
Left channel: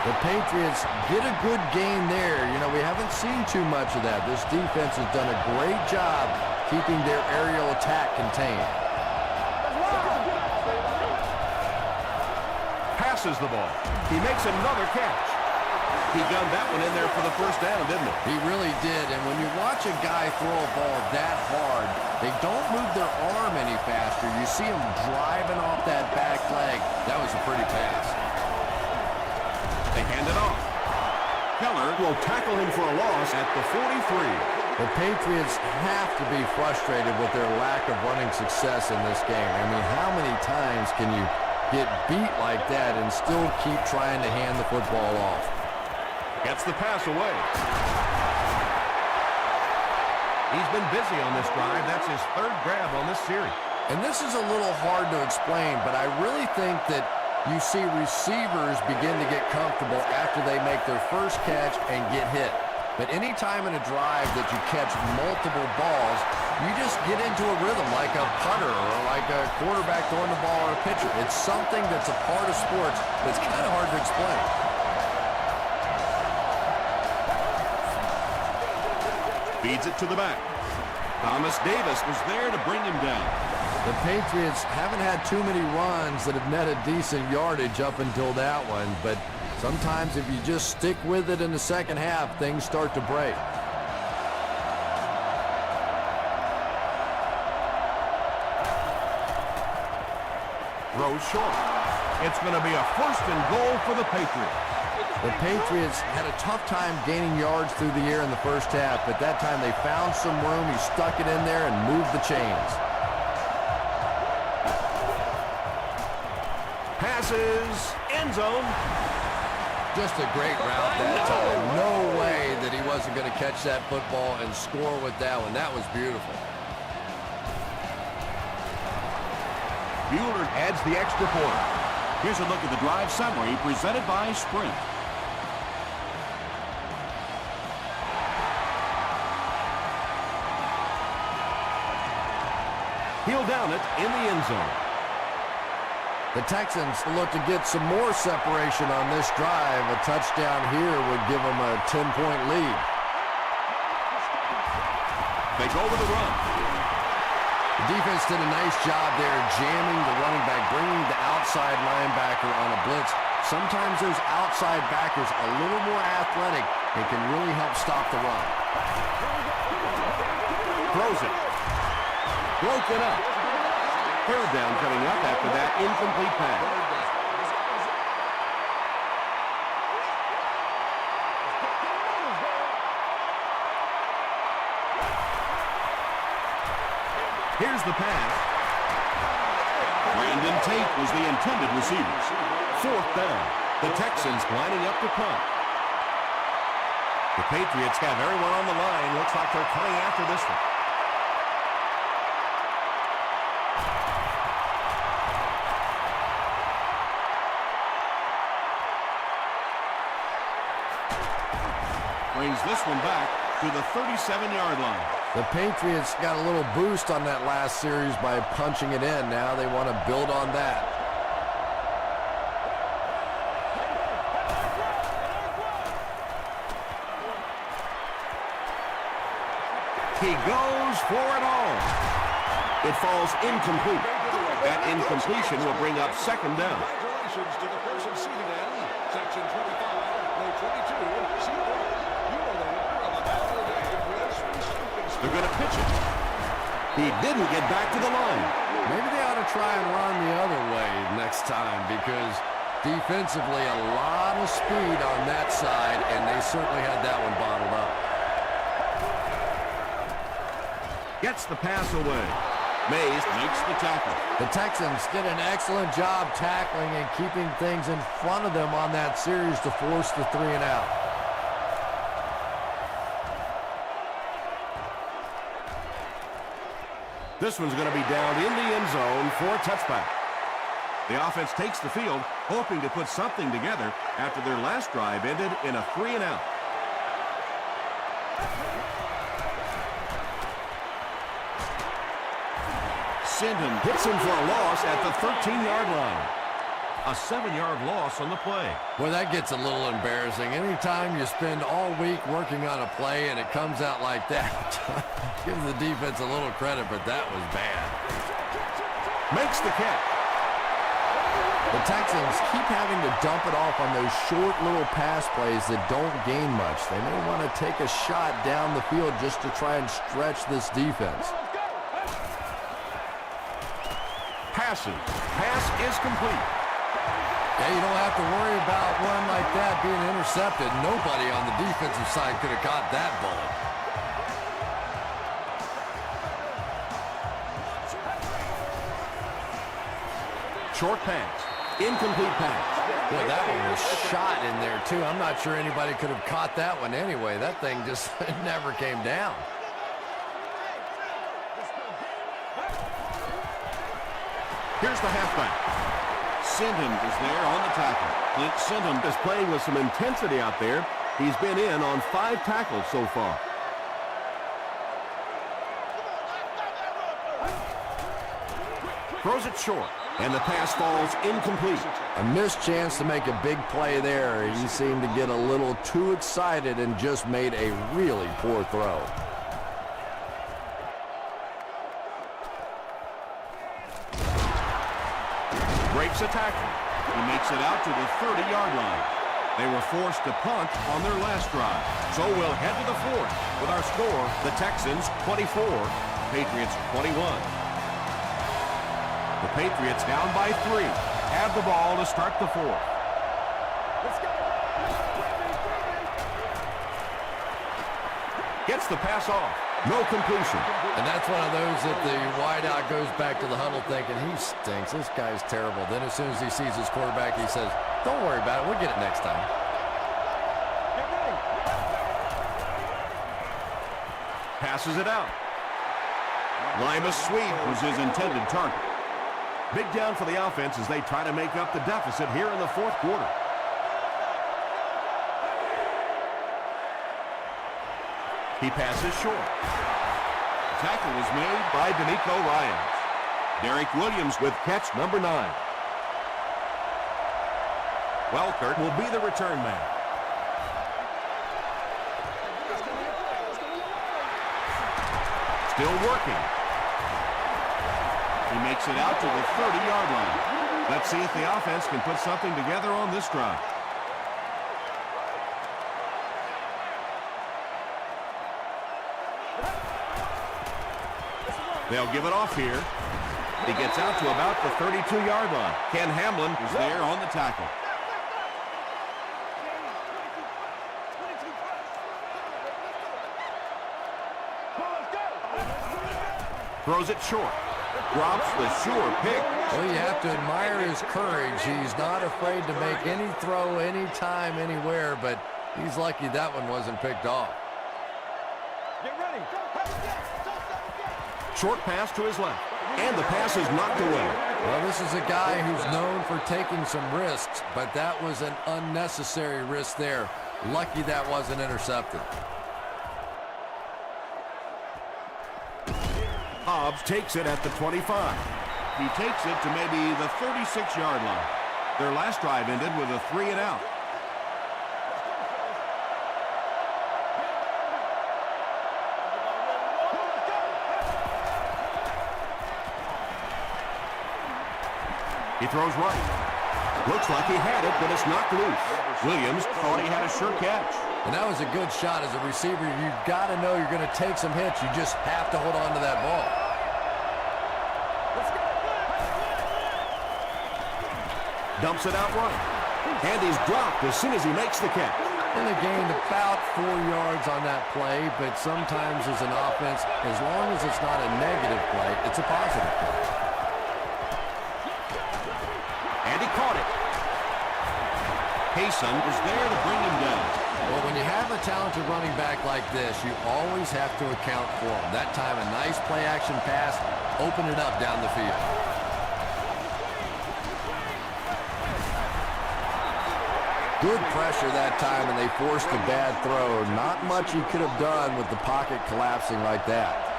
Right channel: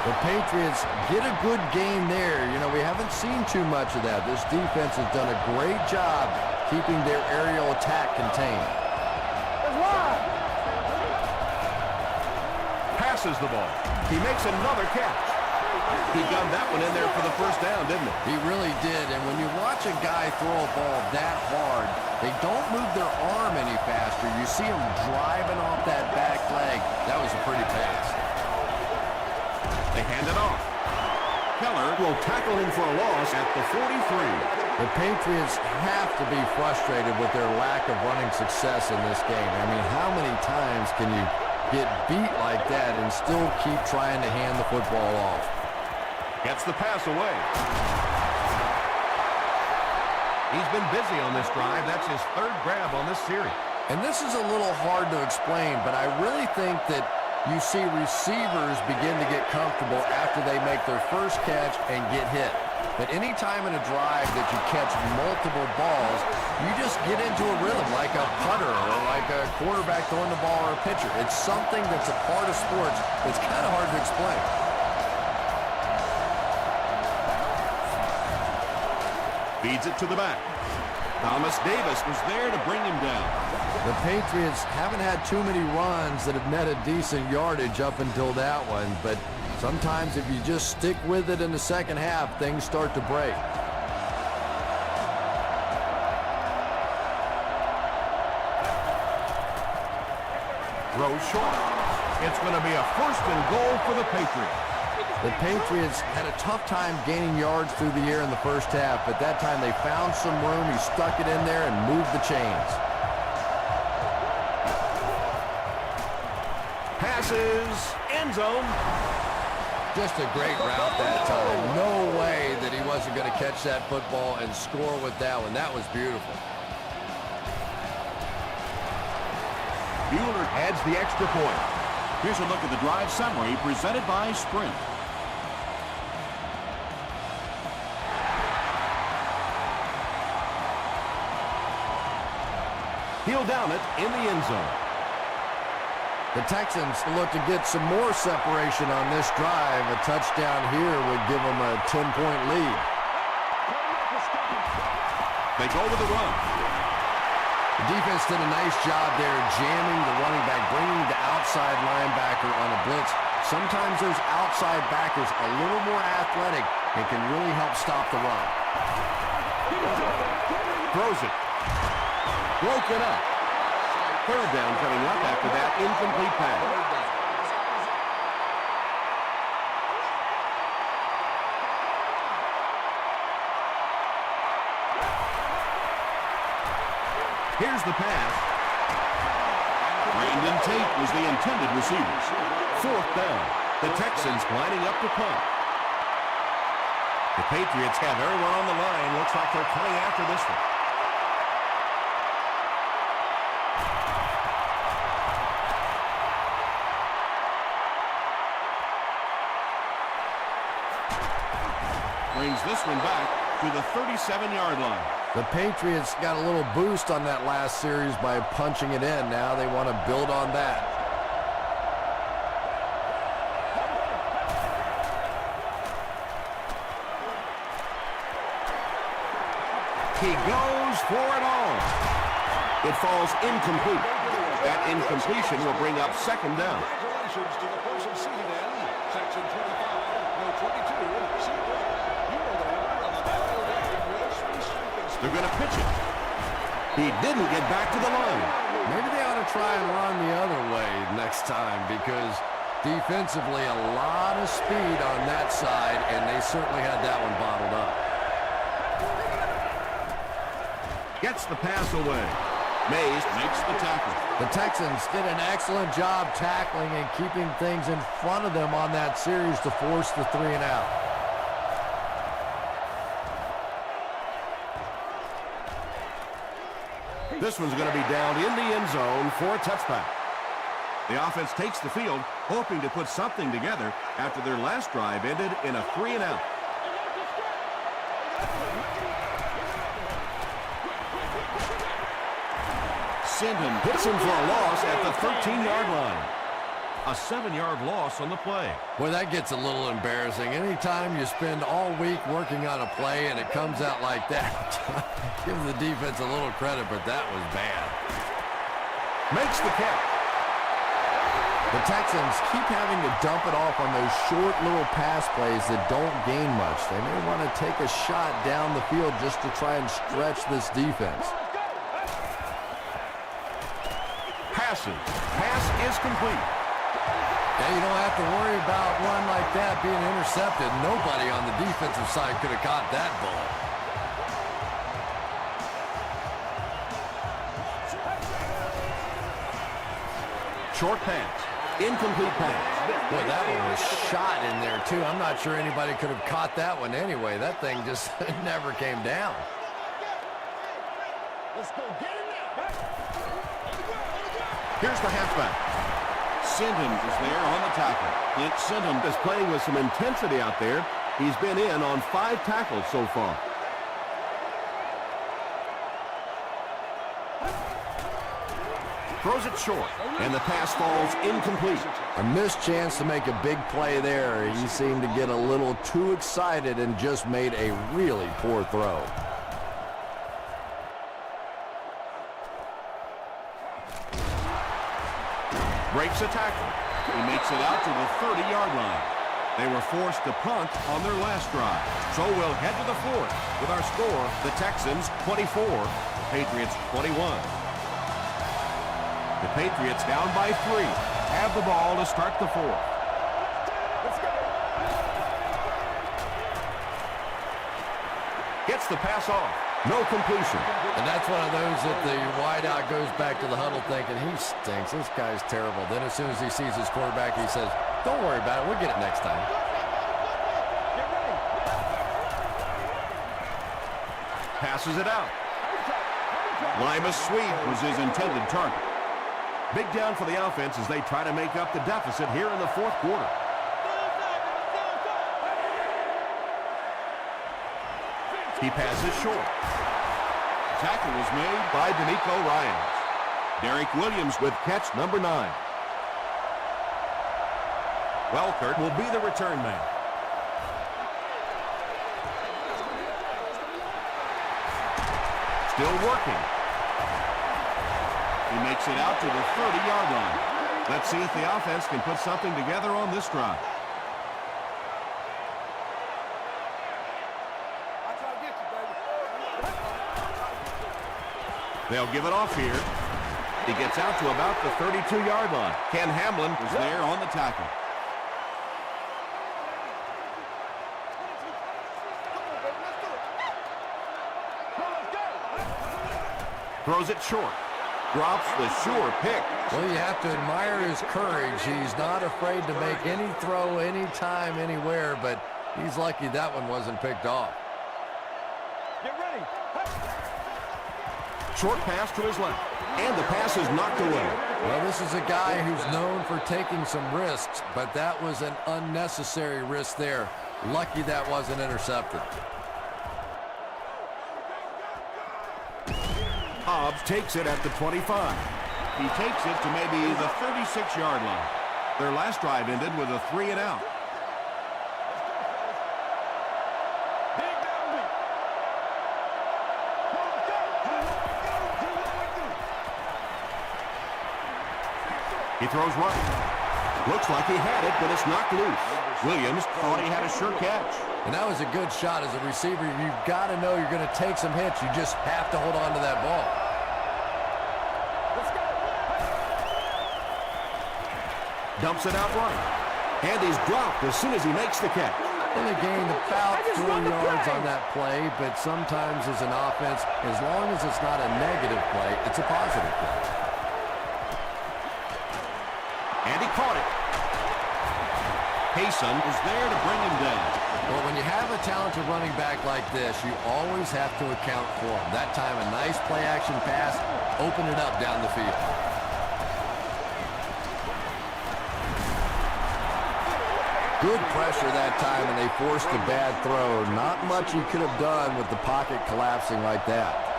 The Patriots get a good game there. You know, we haven't seen too much of that. This defense has done a great job keeping their aerial attack contained. Passes the ball. He makes another catch. He got that one in there for the first down, didn't he? He really did. And when you watch a guy throw a ball that hard, they don't move their arm any faster. You see him driving off that back leg. That was a pretty pass. They hand it off. Keller will tackle him for a loss at the 43. The Patriots have to be frustrated with their lack of running success in this game. I mean, how many times can you get beat like that and still keep trying to hand the football off? Gets the pass away. He's been busy on this drive. That's his third grab on this series. And this is a little hard to explain, but I really think that you see receivers begin to get comfortable after they make their first catch and get hit. But any time in a drive that you catch multiple balls, you just get into a rhythm like a putter or like a quarterback throwing the ball or a pitcher. It's something that's a part of sports that's kind of hard to explain. Feeds it to the back. Thomas Davis was there to bring him down. The Patriots haven't had too many runs that have netted decent yardage up until that one, but sometimes if you just stick with it in the second half, things start to break. Throws short. It's going to be a first and goal for the Patriots. The Patriots had a tough time gaining yards through the air in the first half, but that time they found some room. He stuck it in there and moved the chains. Passes, end zone. Just a great route that time. No way that he wasn't going to catch that football and score with that one. That was beautiful. Bueller adds the extra point. Here's a look at the drive summary presented by Sprint. He'll down it in the end zone. The Texans look to get some more separation on this drive. A touchdown here would give them a 10-point lead. They go with the run. The defense did a nice job there jamming the running back, bringing the outside linebacker on a blitz. Sometimes those outside backers a little more athletic and can really help stop the run. Throws it. Broken up. Third down coming up after that incomplete pass. Here's the pass. Brandon Tate was the intended receiver. 4th down. The Texans lining up to punt. The Patriots have everyone on the line. Looks like they're coming after this one. Brings this one back to the 37-yard line. The Patriots got a little boost on that last series by punching it in. Now they want to build on that. He goes for it all. It falls incomplete. That incompletion will bring up 2nd down. Congratulations to the person seated in section 25, no 22. You are the winner of the They're going to pitch it. He didn't get back to the line. Maybe they ought to try and run the other way next time, because defensively a lot of speed on that side, and they certainly had that one bottled up. Gets the pass away. Mays Makes the tackle. The Texans did an excellent job tackling and keeping things in front of them on that series to force the 3 and out. This one's going to be down in the end zone for a touchback. The offense takes the field, hoping to put something together after their last drive ended in a 3 and out. Sinton hits him for a loss at the 13-yard line. A 7-yard loss on the play. Boy, that gets a little embarrassing. Anytime you spend all week working on a play and it comes out like that, give the defense a little credit, but that was bad. Makes the catch. The Texans keep having to dump it off on those short little pass plays that don't gain much. They may want to take a shot down the field just to try and stretch this defense. Passes. Pass is complete. Yeah, you don't have to worry about one like that being intercepted. Nobody on the defensive side could have caught that bullet. Short pass. Incomplete pass. Boy, that one was shot in there, too. I'm not sure anybody could have caught that one anyway. That thing just never came down. Here's the halfback. Sinton is there on the tackle. Clint Sinton Is playing with some intensity out there. He's been in on 5 tackles so far. Throws it short, and the pass falls incomplete. A missed chance to make a big play there. He seemed to get a little too excited and just made a really poor throw. Breaks a tackle. He makes it out to the 30-yard line. They were forced to punt on their last drive. So we'll head to the 4th with our score, the Texans 24, Patriots 21. The Patriots down by 3. Have the ball to start the 4th. Let's go. Gets the pass off. No completion. And that's one of those that the wideout goes back to the huddle thinking, he stinks. This guy's terrible. Then as soon as he sees his quarterback, he says, don't worry about it. We'll get it next time. Get ready. Passes it out. Lima Sweet was his intended target. Big down for the offense as they try to make up the deficit here in the 4th quarter. He passes short. Tackle was made. By D'Amico Ryans. Derek Williams with catch number 9. Welkert will be the return man. Still working. He makes it out to the 30-yard line. Let's see if the offense can put something together on this drive. They'll give it off here. He gets out to about the 32-yard line. Ken Hamlin Was there on the tackle. Throws it short. Drops the sure pick. Well, you have to admire his courage. He's not afraid to make any throw, anytime, anywhere, but he's lucky that one wasn't picked off. Get ready. Short pass to his left. And the pass is knocked away. Well, this is a guy who's known for taking some risks, but that was an unnecessary risk there. Lucky that wasn't intercepted. Hobbs takes it at the 25. He takes it to maybe the 36-yard line. Their last drive ended with a 3-and-out. Let's go, fellas. Dig down deep. Come on, let's go. He throws right. Looks like he had it, but it's knocked loose. Williams thought he had a sure catch. And that was a good shot as a receiver. You've got to know you're going to take some hits. You just have to hold on to that ball. Let's go. Dumps it out right. And he's dropped as soon as he makes the catch. Only gained about 4 yards on that play, but sometimes as an offense, as long as it's not a negative play, it's a positive play. And he caught it. Payson is there to bring him down. Well, when you have a talented running back like this, you always have to account for him. That time, a nice play-action pass opened it up down the field. Good pressure that time, and they forced a bad throw. Not much he could have done with the pocket collapsing like that.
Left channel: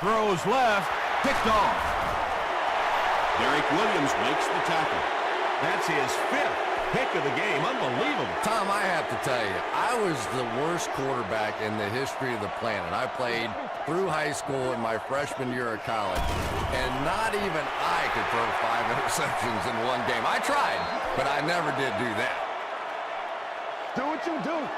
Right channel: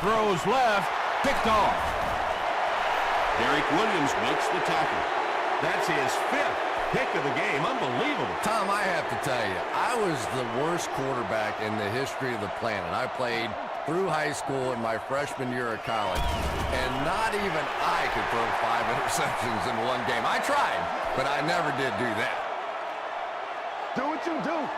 Throws left. Picked off. Derek Williams makes the tackle. That's his 5th pick of the game. Unbelievable. Tom, I have to tell you, I was the worst quarterback in the history of the planet. I played through high school and my freshman year of college, and not even I could throw 5 interceptions in one game. I tried, but I never did do that. Do what you do.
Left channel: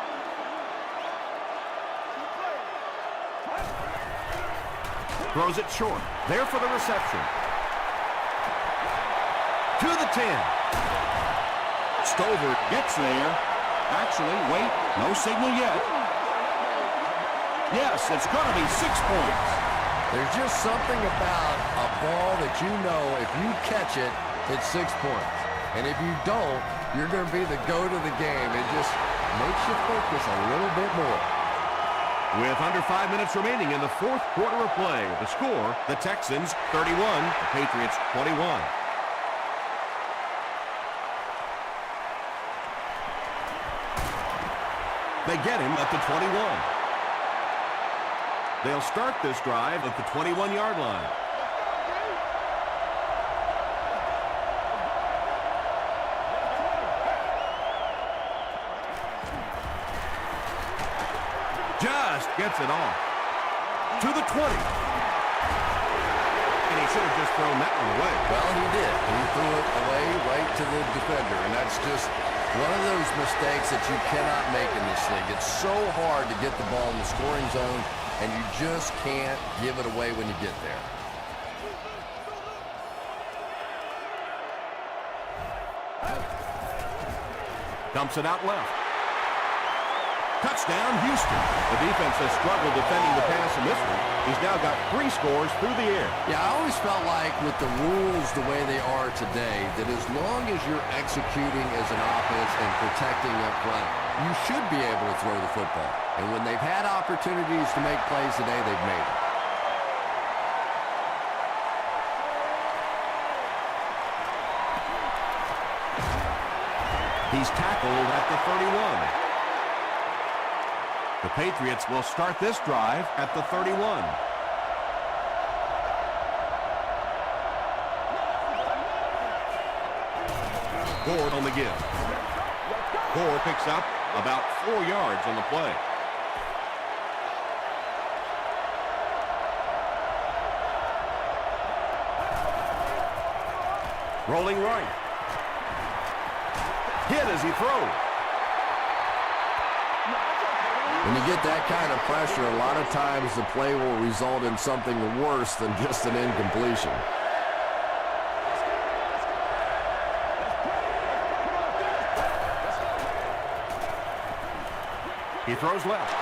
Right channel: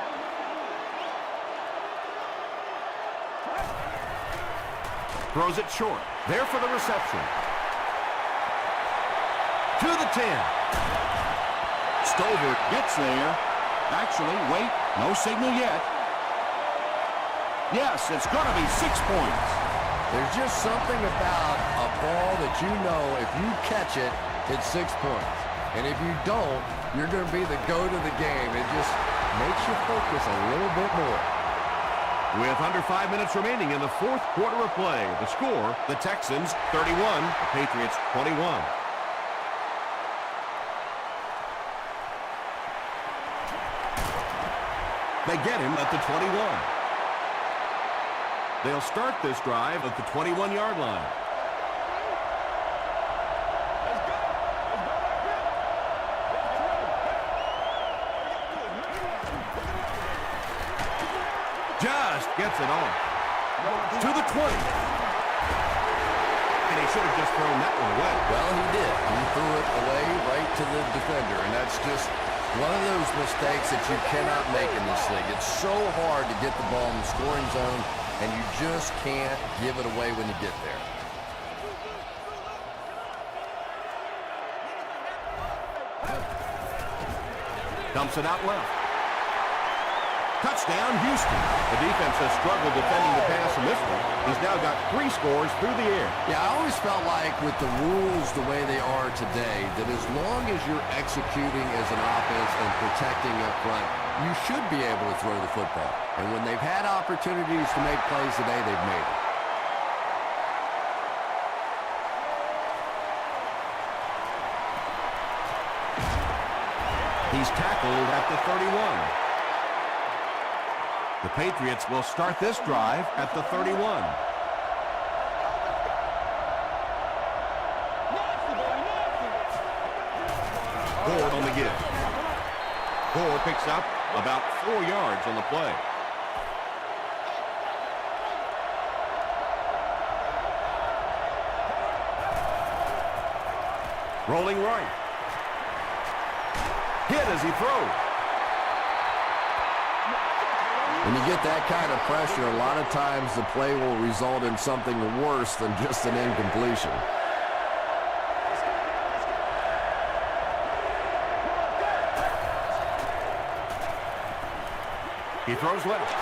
Throws it short. There for the reception. To the 10. Stover gets there. Actually, wait, no signal yet. Yes, it's going to be 6 points. There's just something about a ball that you know if you catch it, it's 6 points. And if you don't, you're going to be the goat of the game. It just makes you focus a little bit more. With under 5 minutes remaining in the 4th quarter of play, the score, the Texans 31, the Patriots 21. They get him at the 21. They'll start this drive at the 21-yard line. Let's go, D. Let's go. Let's go right here. Let's get ready. Just gets it off. To the 20. And he should have just thrown that one away. Well, he did. He threw it away right to the defender, and that's just one of those mistakes that you cannot make in this league. It's so hard to get the ball in the scoring zone, and you just can't give it away when you get there. Dumps it out left. Touchdown, Houston. The defense has struggled defending the pass in this one. He's now got 3 scores through the air. Yeah, I always felt like with the rules the way they are today, that as long as you're executing as an offense and protecting up front, you should be able to throw the football. And when they've had opportunities to make plays today, they've made it. He's tackled at the 31. The Patriots will start this drive at the 31. Ford on the give. Ford picks up about 4 yards on the play. Rolling right. Hit as he throws. When you get that kind of pressure, a lot of times the play will result in something worse than just an incompletion. He throws left.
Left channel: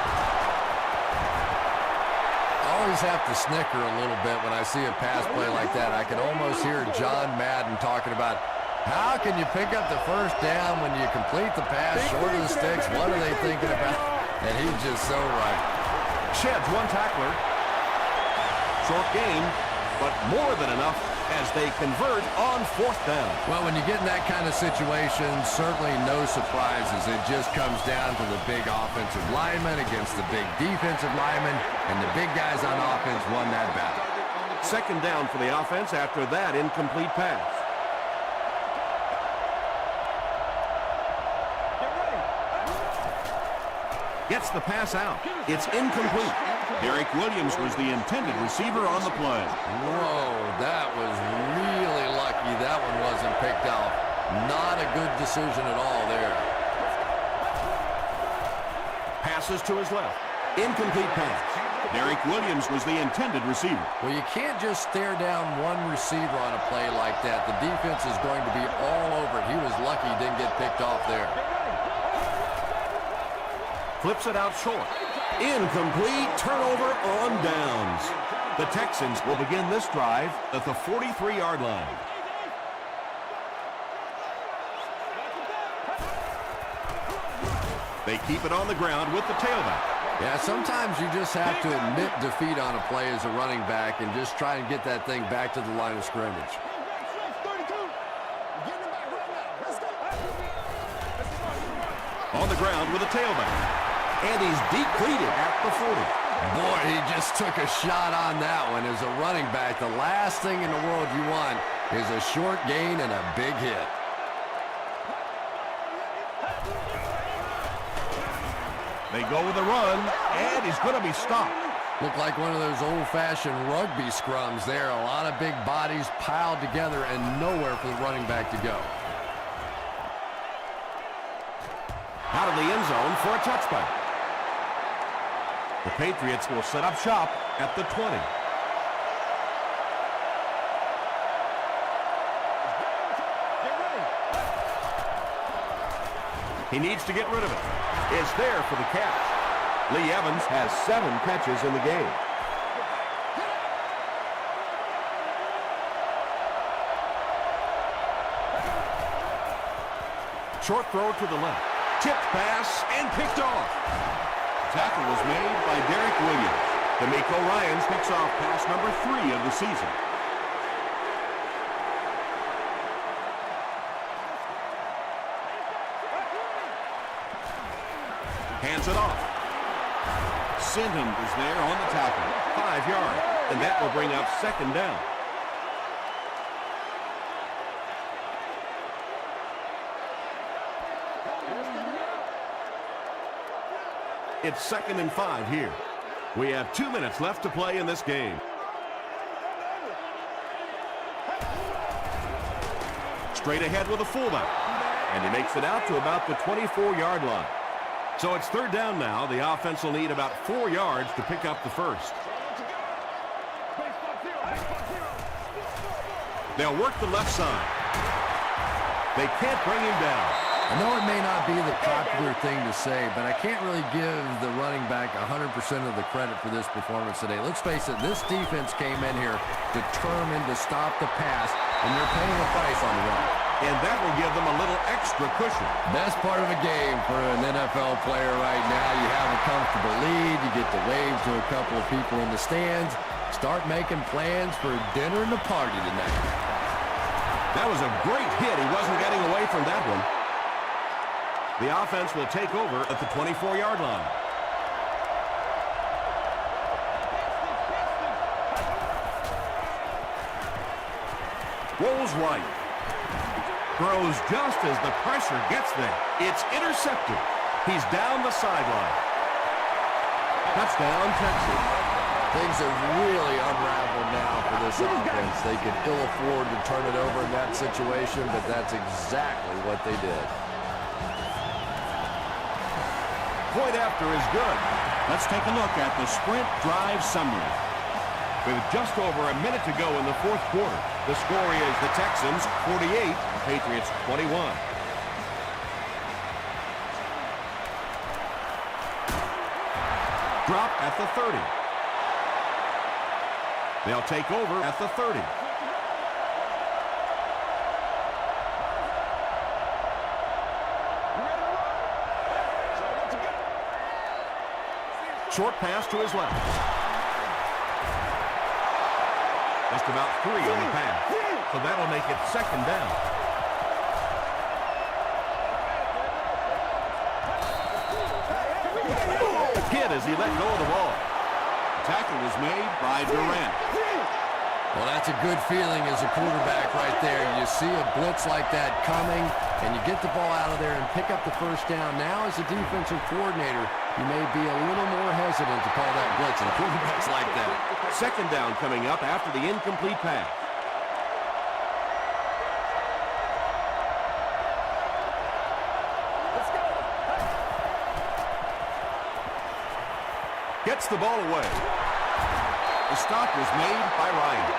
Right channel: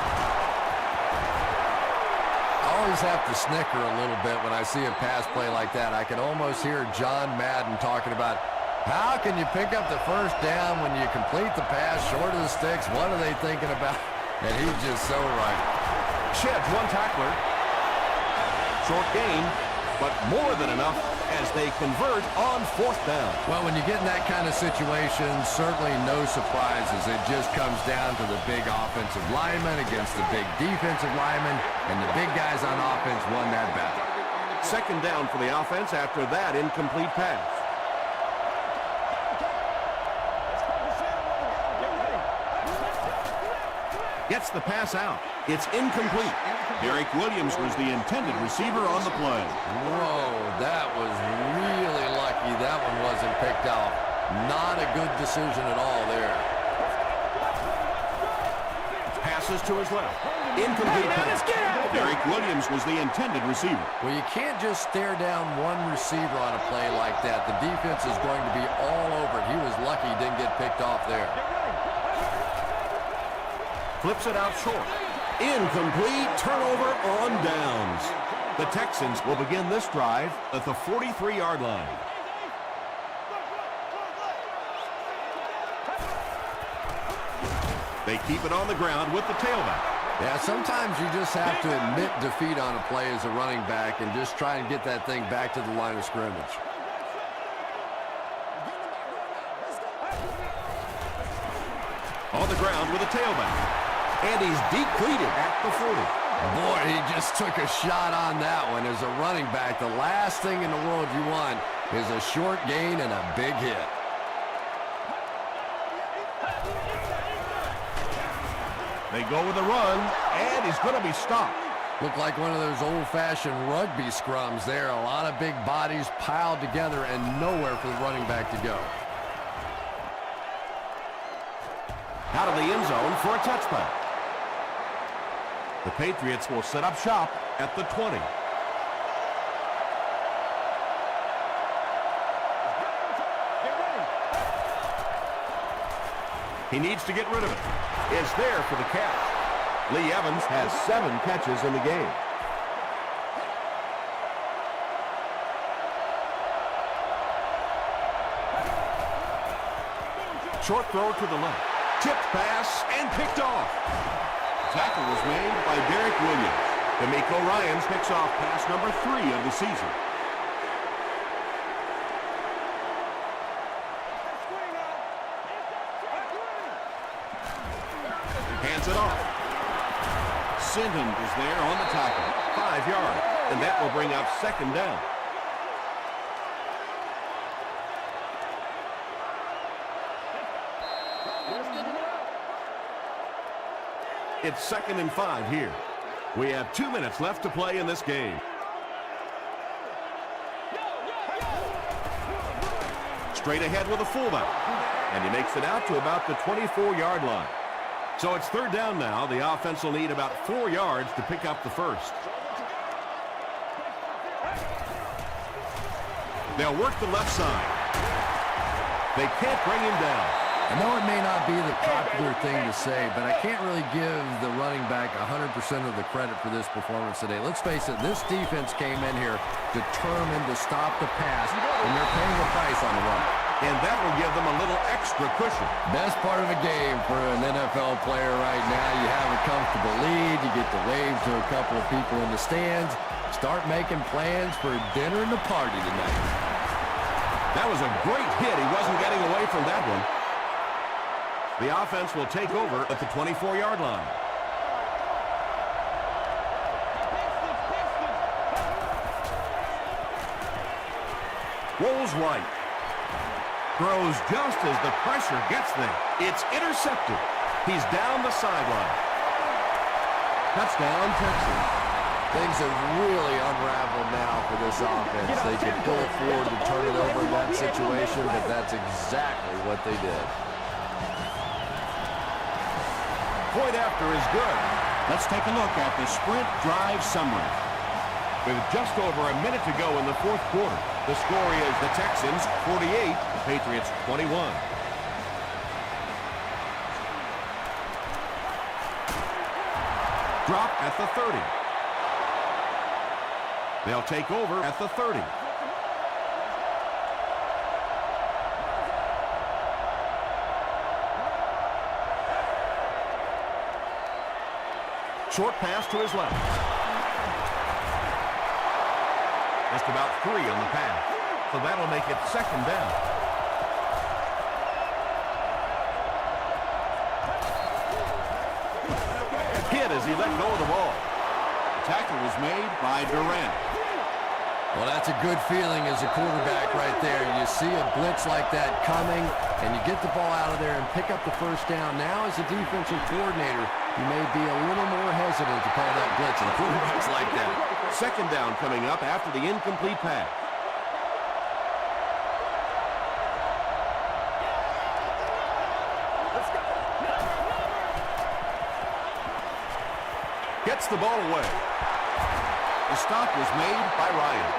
I always have to snicker a little bit when I see a pass play like that. I can almost hear John Madden talking about how can you pick up the first down when you complete the pass short of the sticks? What are they thinking about? And he's just so right. Sheds one tackler. Short gain, but more than enough as they convert on fourth down. Well, when you get in that kind of situation, certainly no surprises. It just comes down to the big offensive lineman against the big defensive lineman, and the big guys on offense won that battle. Second down for the offense after that incomplete pass. Gets the pass out. It's incomplete. Derek Williams was the intended receiver on the play. Whoa, that was really lucky that one wasn't picked off. Not a good decision at all there. Passes to his left. Incomplete pass. Derek Williams was the intended receiver. Well, you can't just stare down one receiver on a play like that. The defense is going to be all over it. He was lucky he didn't get picked off there. Flips it out short. Incomplete. Turnover on downs. The Texans will begin this drive at the 43-yard line. They keep it on the ground with the tailback. Yeah, sometimes you just have to admit defeat on a play as a running back and just try and get that thing back to the line of scrimmage. On the ground with a tailback. And he's depleted at the 40. Boy, he just took a shot on that one. As a running back, the last thing in the world you want is a short gain and a big hit. They go with a run, and he's going to be stopped. Looked like one of those old-fashioned rugby scrums there. A lot of big bodies piled together and nowhere for the running back to go. Out of the end zone for a touchback. The Patriots will set up shop at the 20. He needs to get rid of it. It's there for the catch. Lee Evans has 7 catches in the game. Short throw to the left. Tipped pass and picked off. Tackle was made by Derek Williams. D'Amico Ryans picks off pass number 3 of the season. Hands it off. Sinton is there on the tackle. 5 yards, and that will bring up second down. It's 2nd and 5 here. We have 2 minutes left to play in this game. Straight ahead with a fullback. And he makes it out to about the 24-yard line. So it's 3rd down now. The offense will need about 4 yards to pick up the first. They'll work the left side. They can't bring him down. I know it may not be the popular thing to say, but I can't really give the running back 100% of the credit for this performance today. Let's face it, this defense came in here determined to stop the pass, and they're paying the price on the run. And that will give them a little extra cushion. Best part of a game for an NFL player right now, you have a comfortable lead, you get to wave to a couple of people in the stands, start making plans for dinner and a party tonight. That was a great hit. He wasn't getting away from that one. The offense will take over at the 24-yard line. Rolls right. Throws just as the pressure gets there. It's intercepted. He's down the sideline. Touchdown, Texans. Things have really unraveled now for this offense. They can ill afford to turn it over in that situation, but that's exactly what they did. Point after is good. Let's take a look at the sprint drive summary. With just over a minute to go in the 4th quarter, the score is the Texans 48, Patriots 21. Drop at the 30. They'll take over at the 30. Short pass to his left. Just about 3 on the pass. So that'll make it second down. Hit as he let go of the ball. The tackle was made by Durant. Well, that's a good feeling as a quarterback right there. You see a blitz like that coming, and you get the ball out of there and pick up the first down. Now, as a defensive coordinator, you may be a little more hesitant to call that blitz, and quarterbacks like that. Second down coming up after the incomplete pass. Let's go. Gets the ball away. The stop was made by Ryan.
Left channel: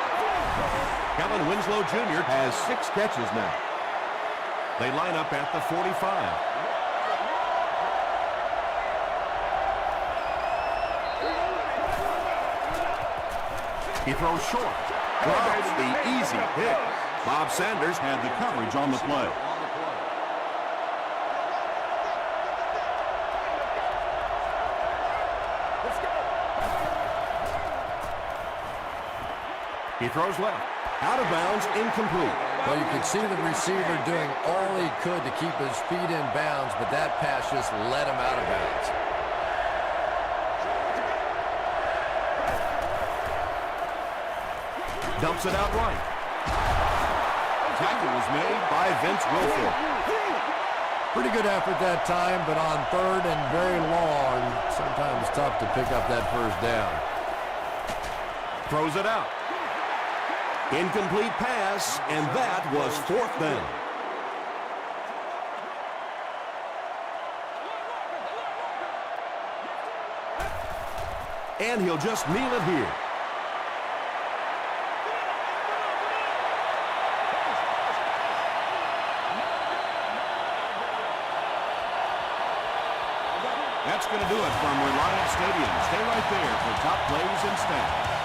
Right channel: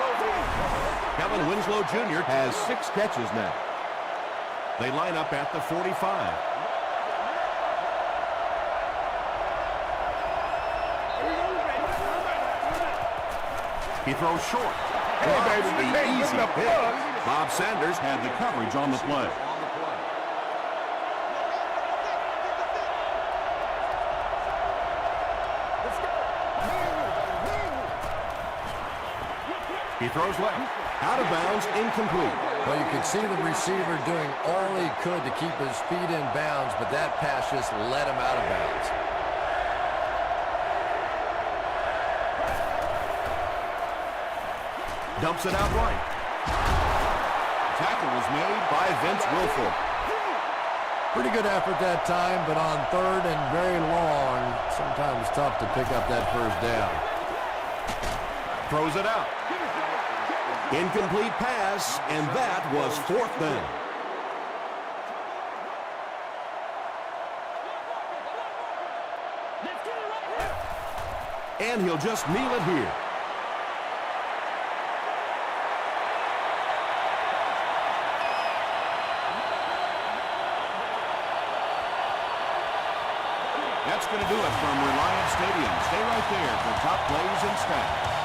Kellen Winslow Jr. has 6 catches now. They line up at the 45. He throws short. Hey, baby, The hey, easy listen up, pick. Buzz. Bob Sanders Had the coverage on the play. Let's go. He throws left. Out of bounds, incomplete. Well, you could see the receiver doing all he could to keep his feet in bounds, but that pass just let him out of bounds. Dumps it out right. Tackle was made By Vince Wilfork. Pretty good effort that time, but on third and very long, sometimes tough to pick up that first down. Throws it out. Incomplete pass, and that was 4th down. And he'll just kneel it here. That's going to do it from Reliance Stadium. Stay right there for top plays and stats.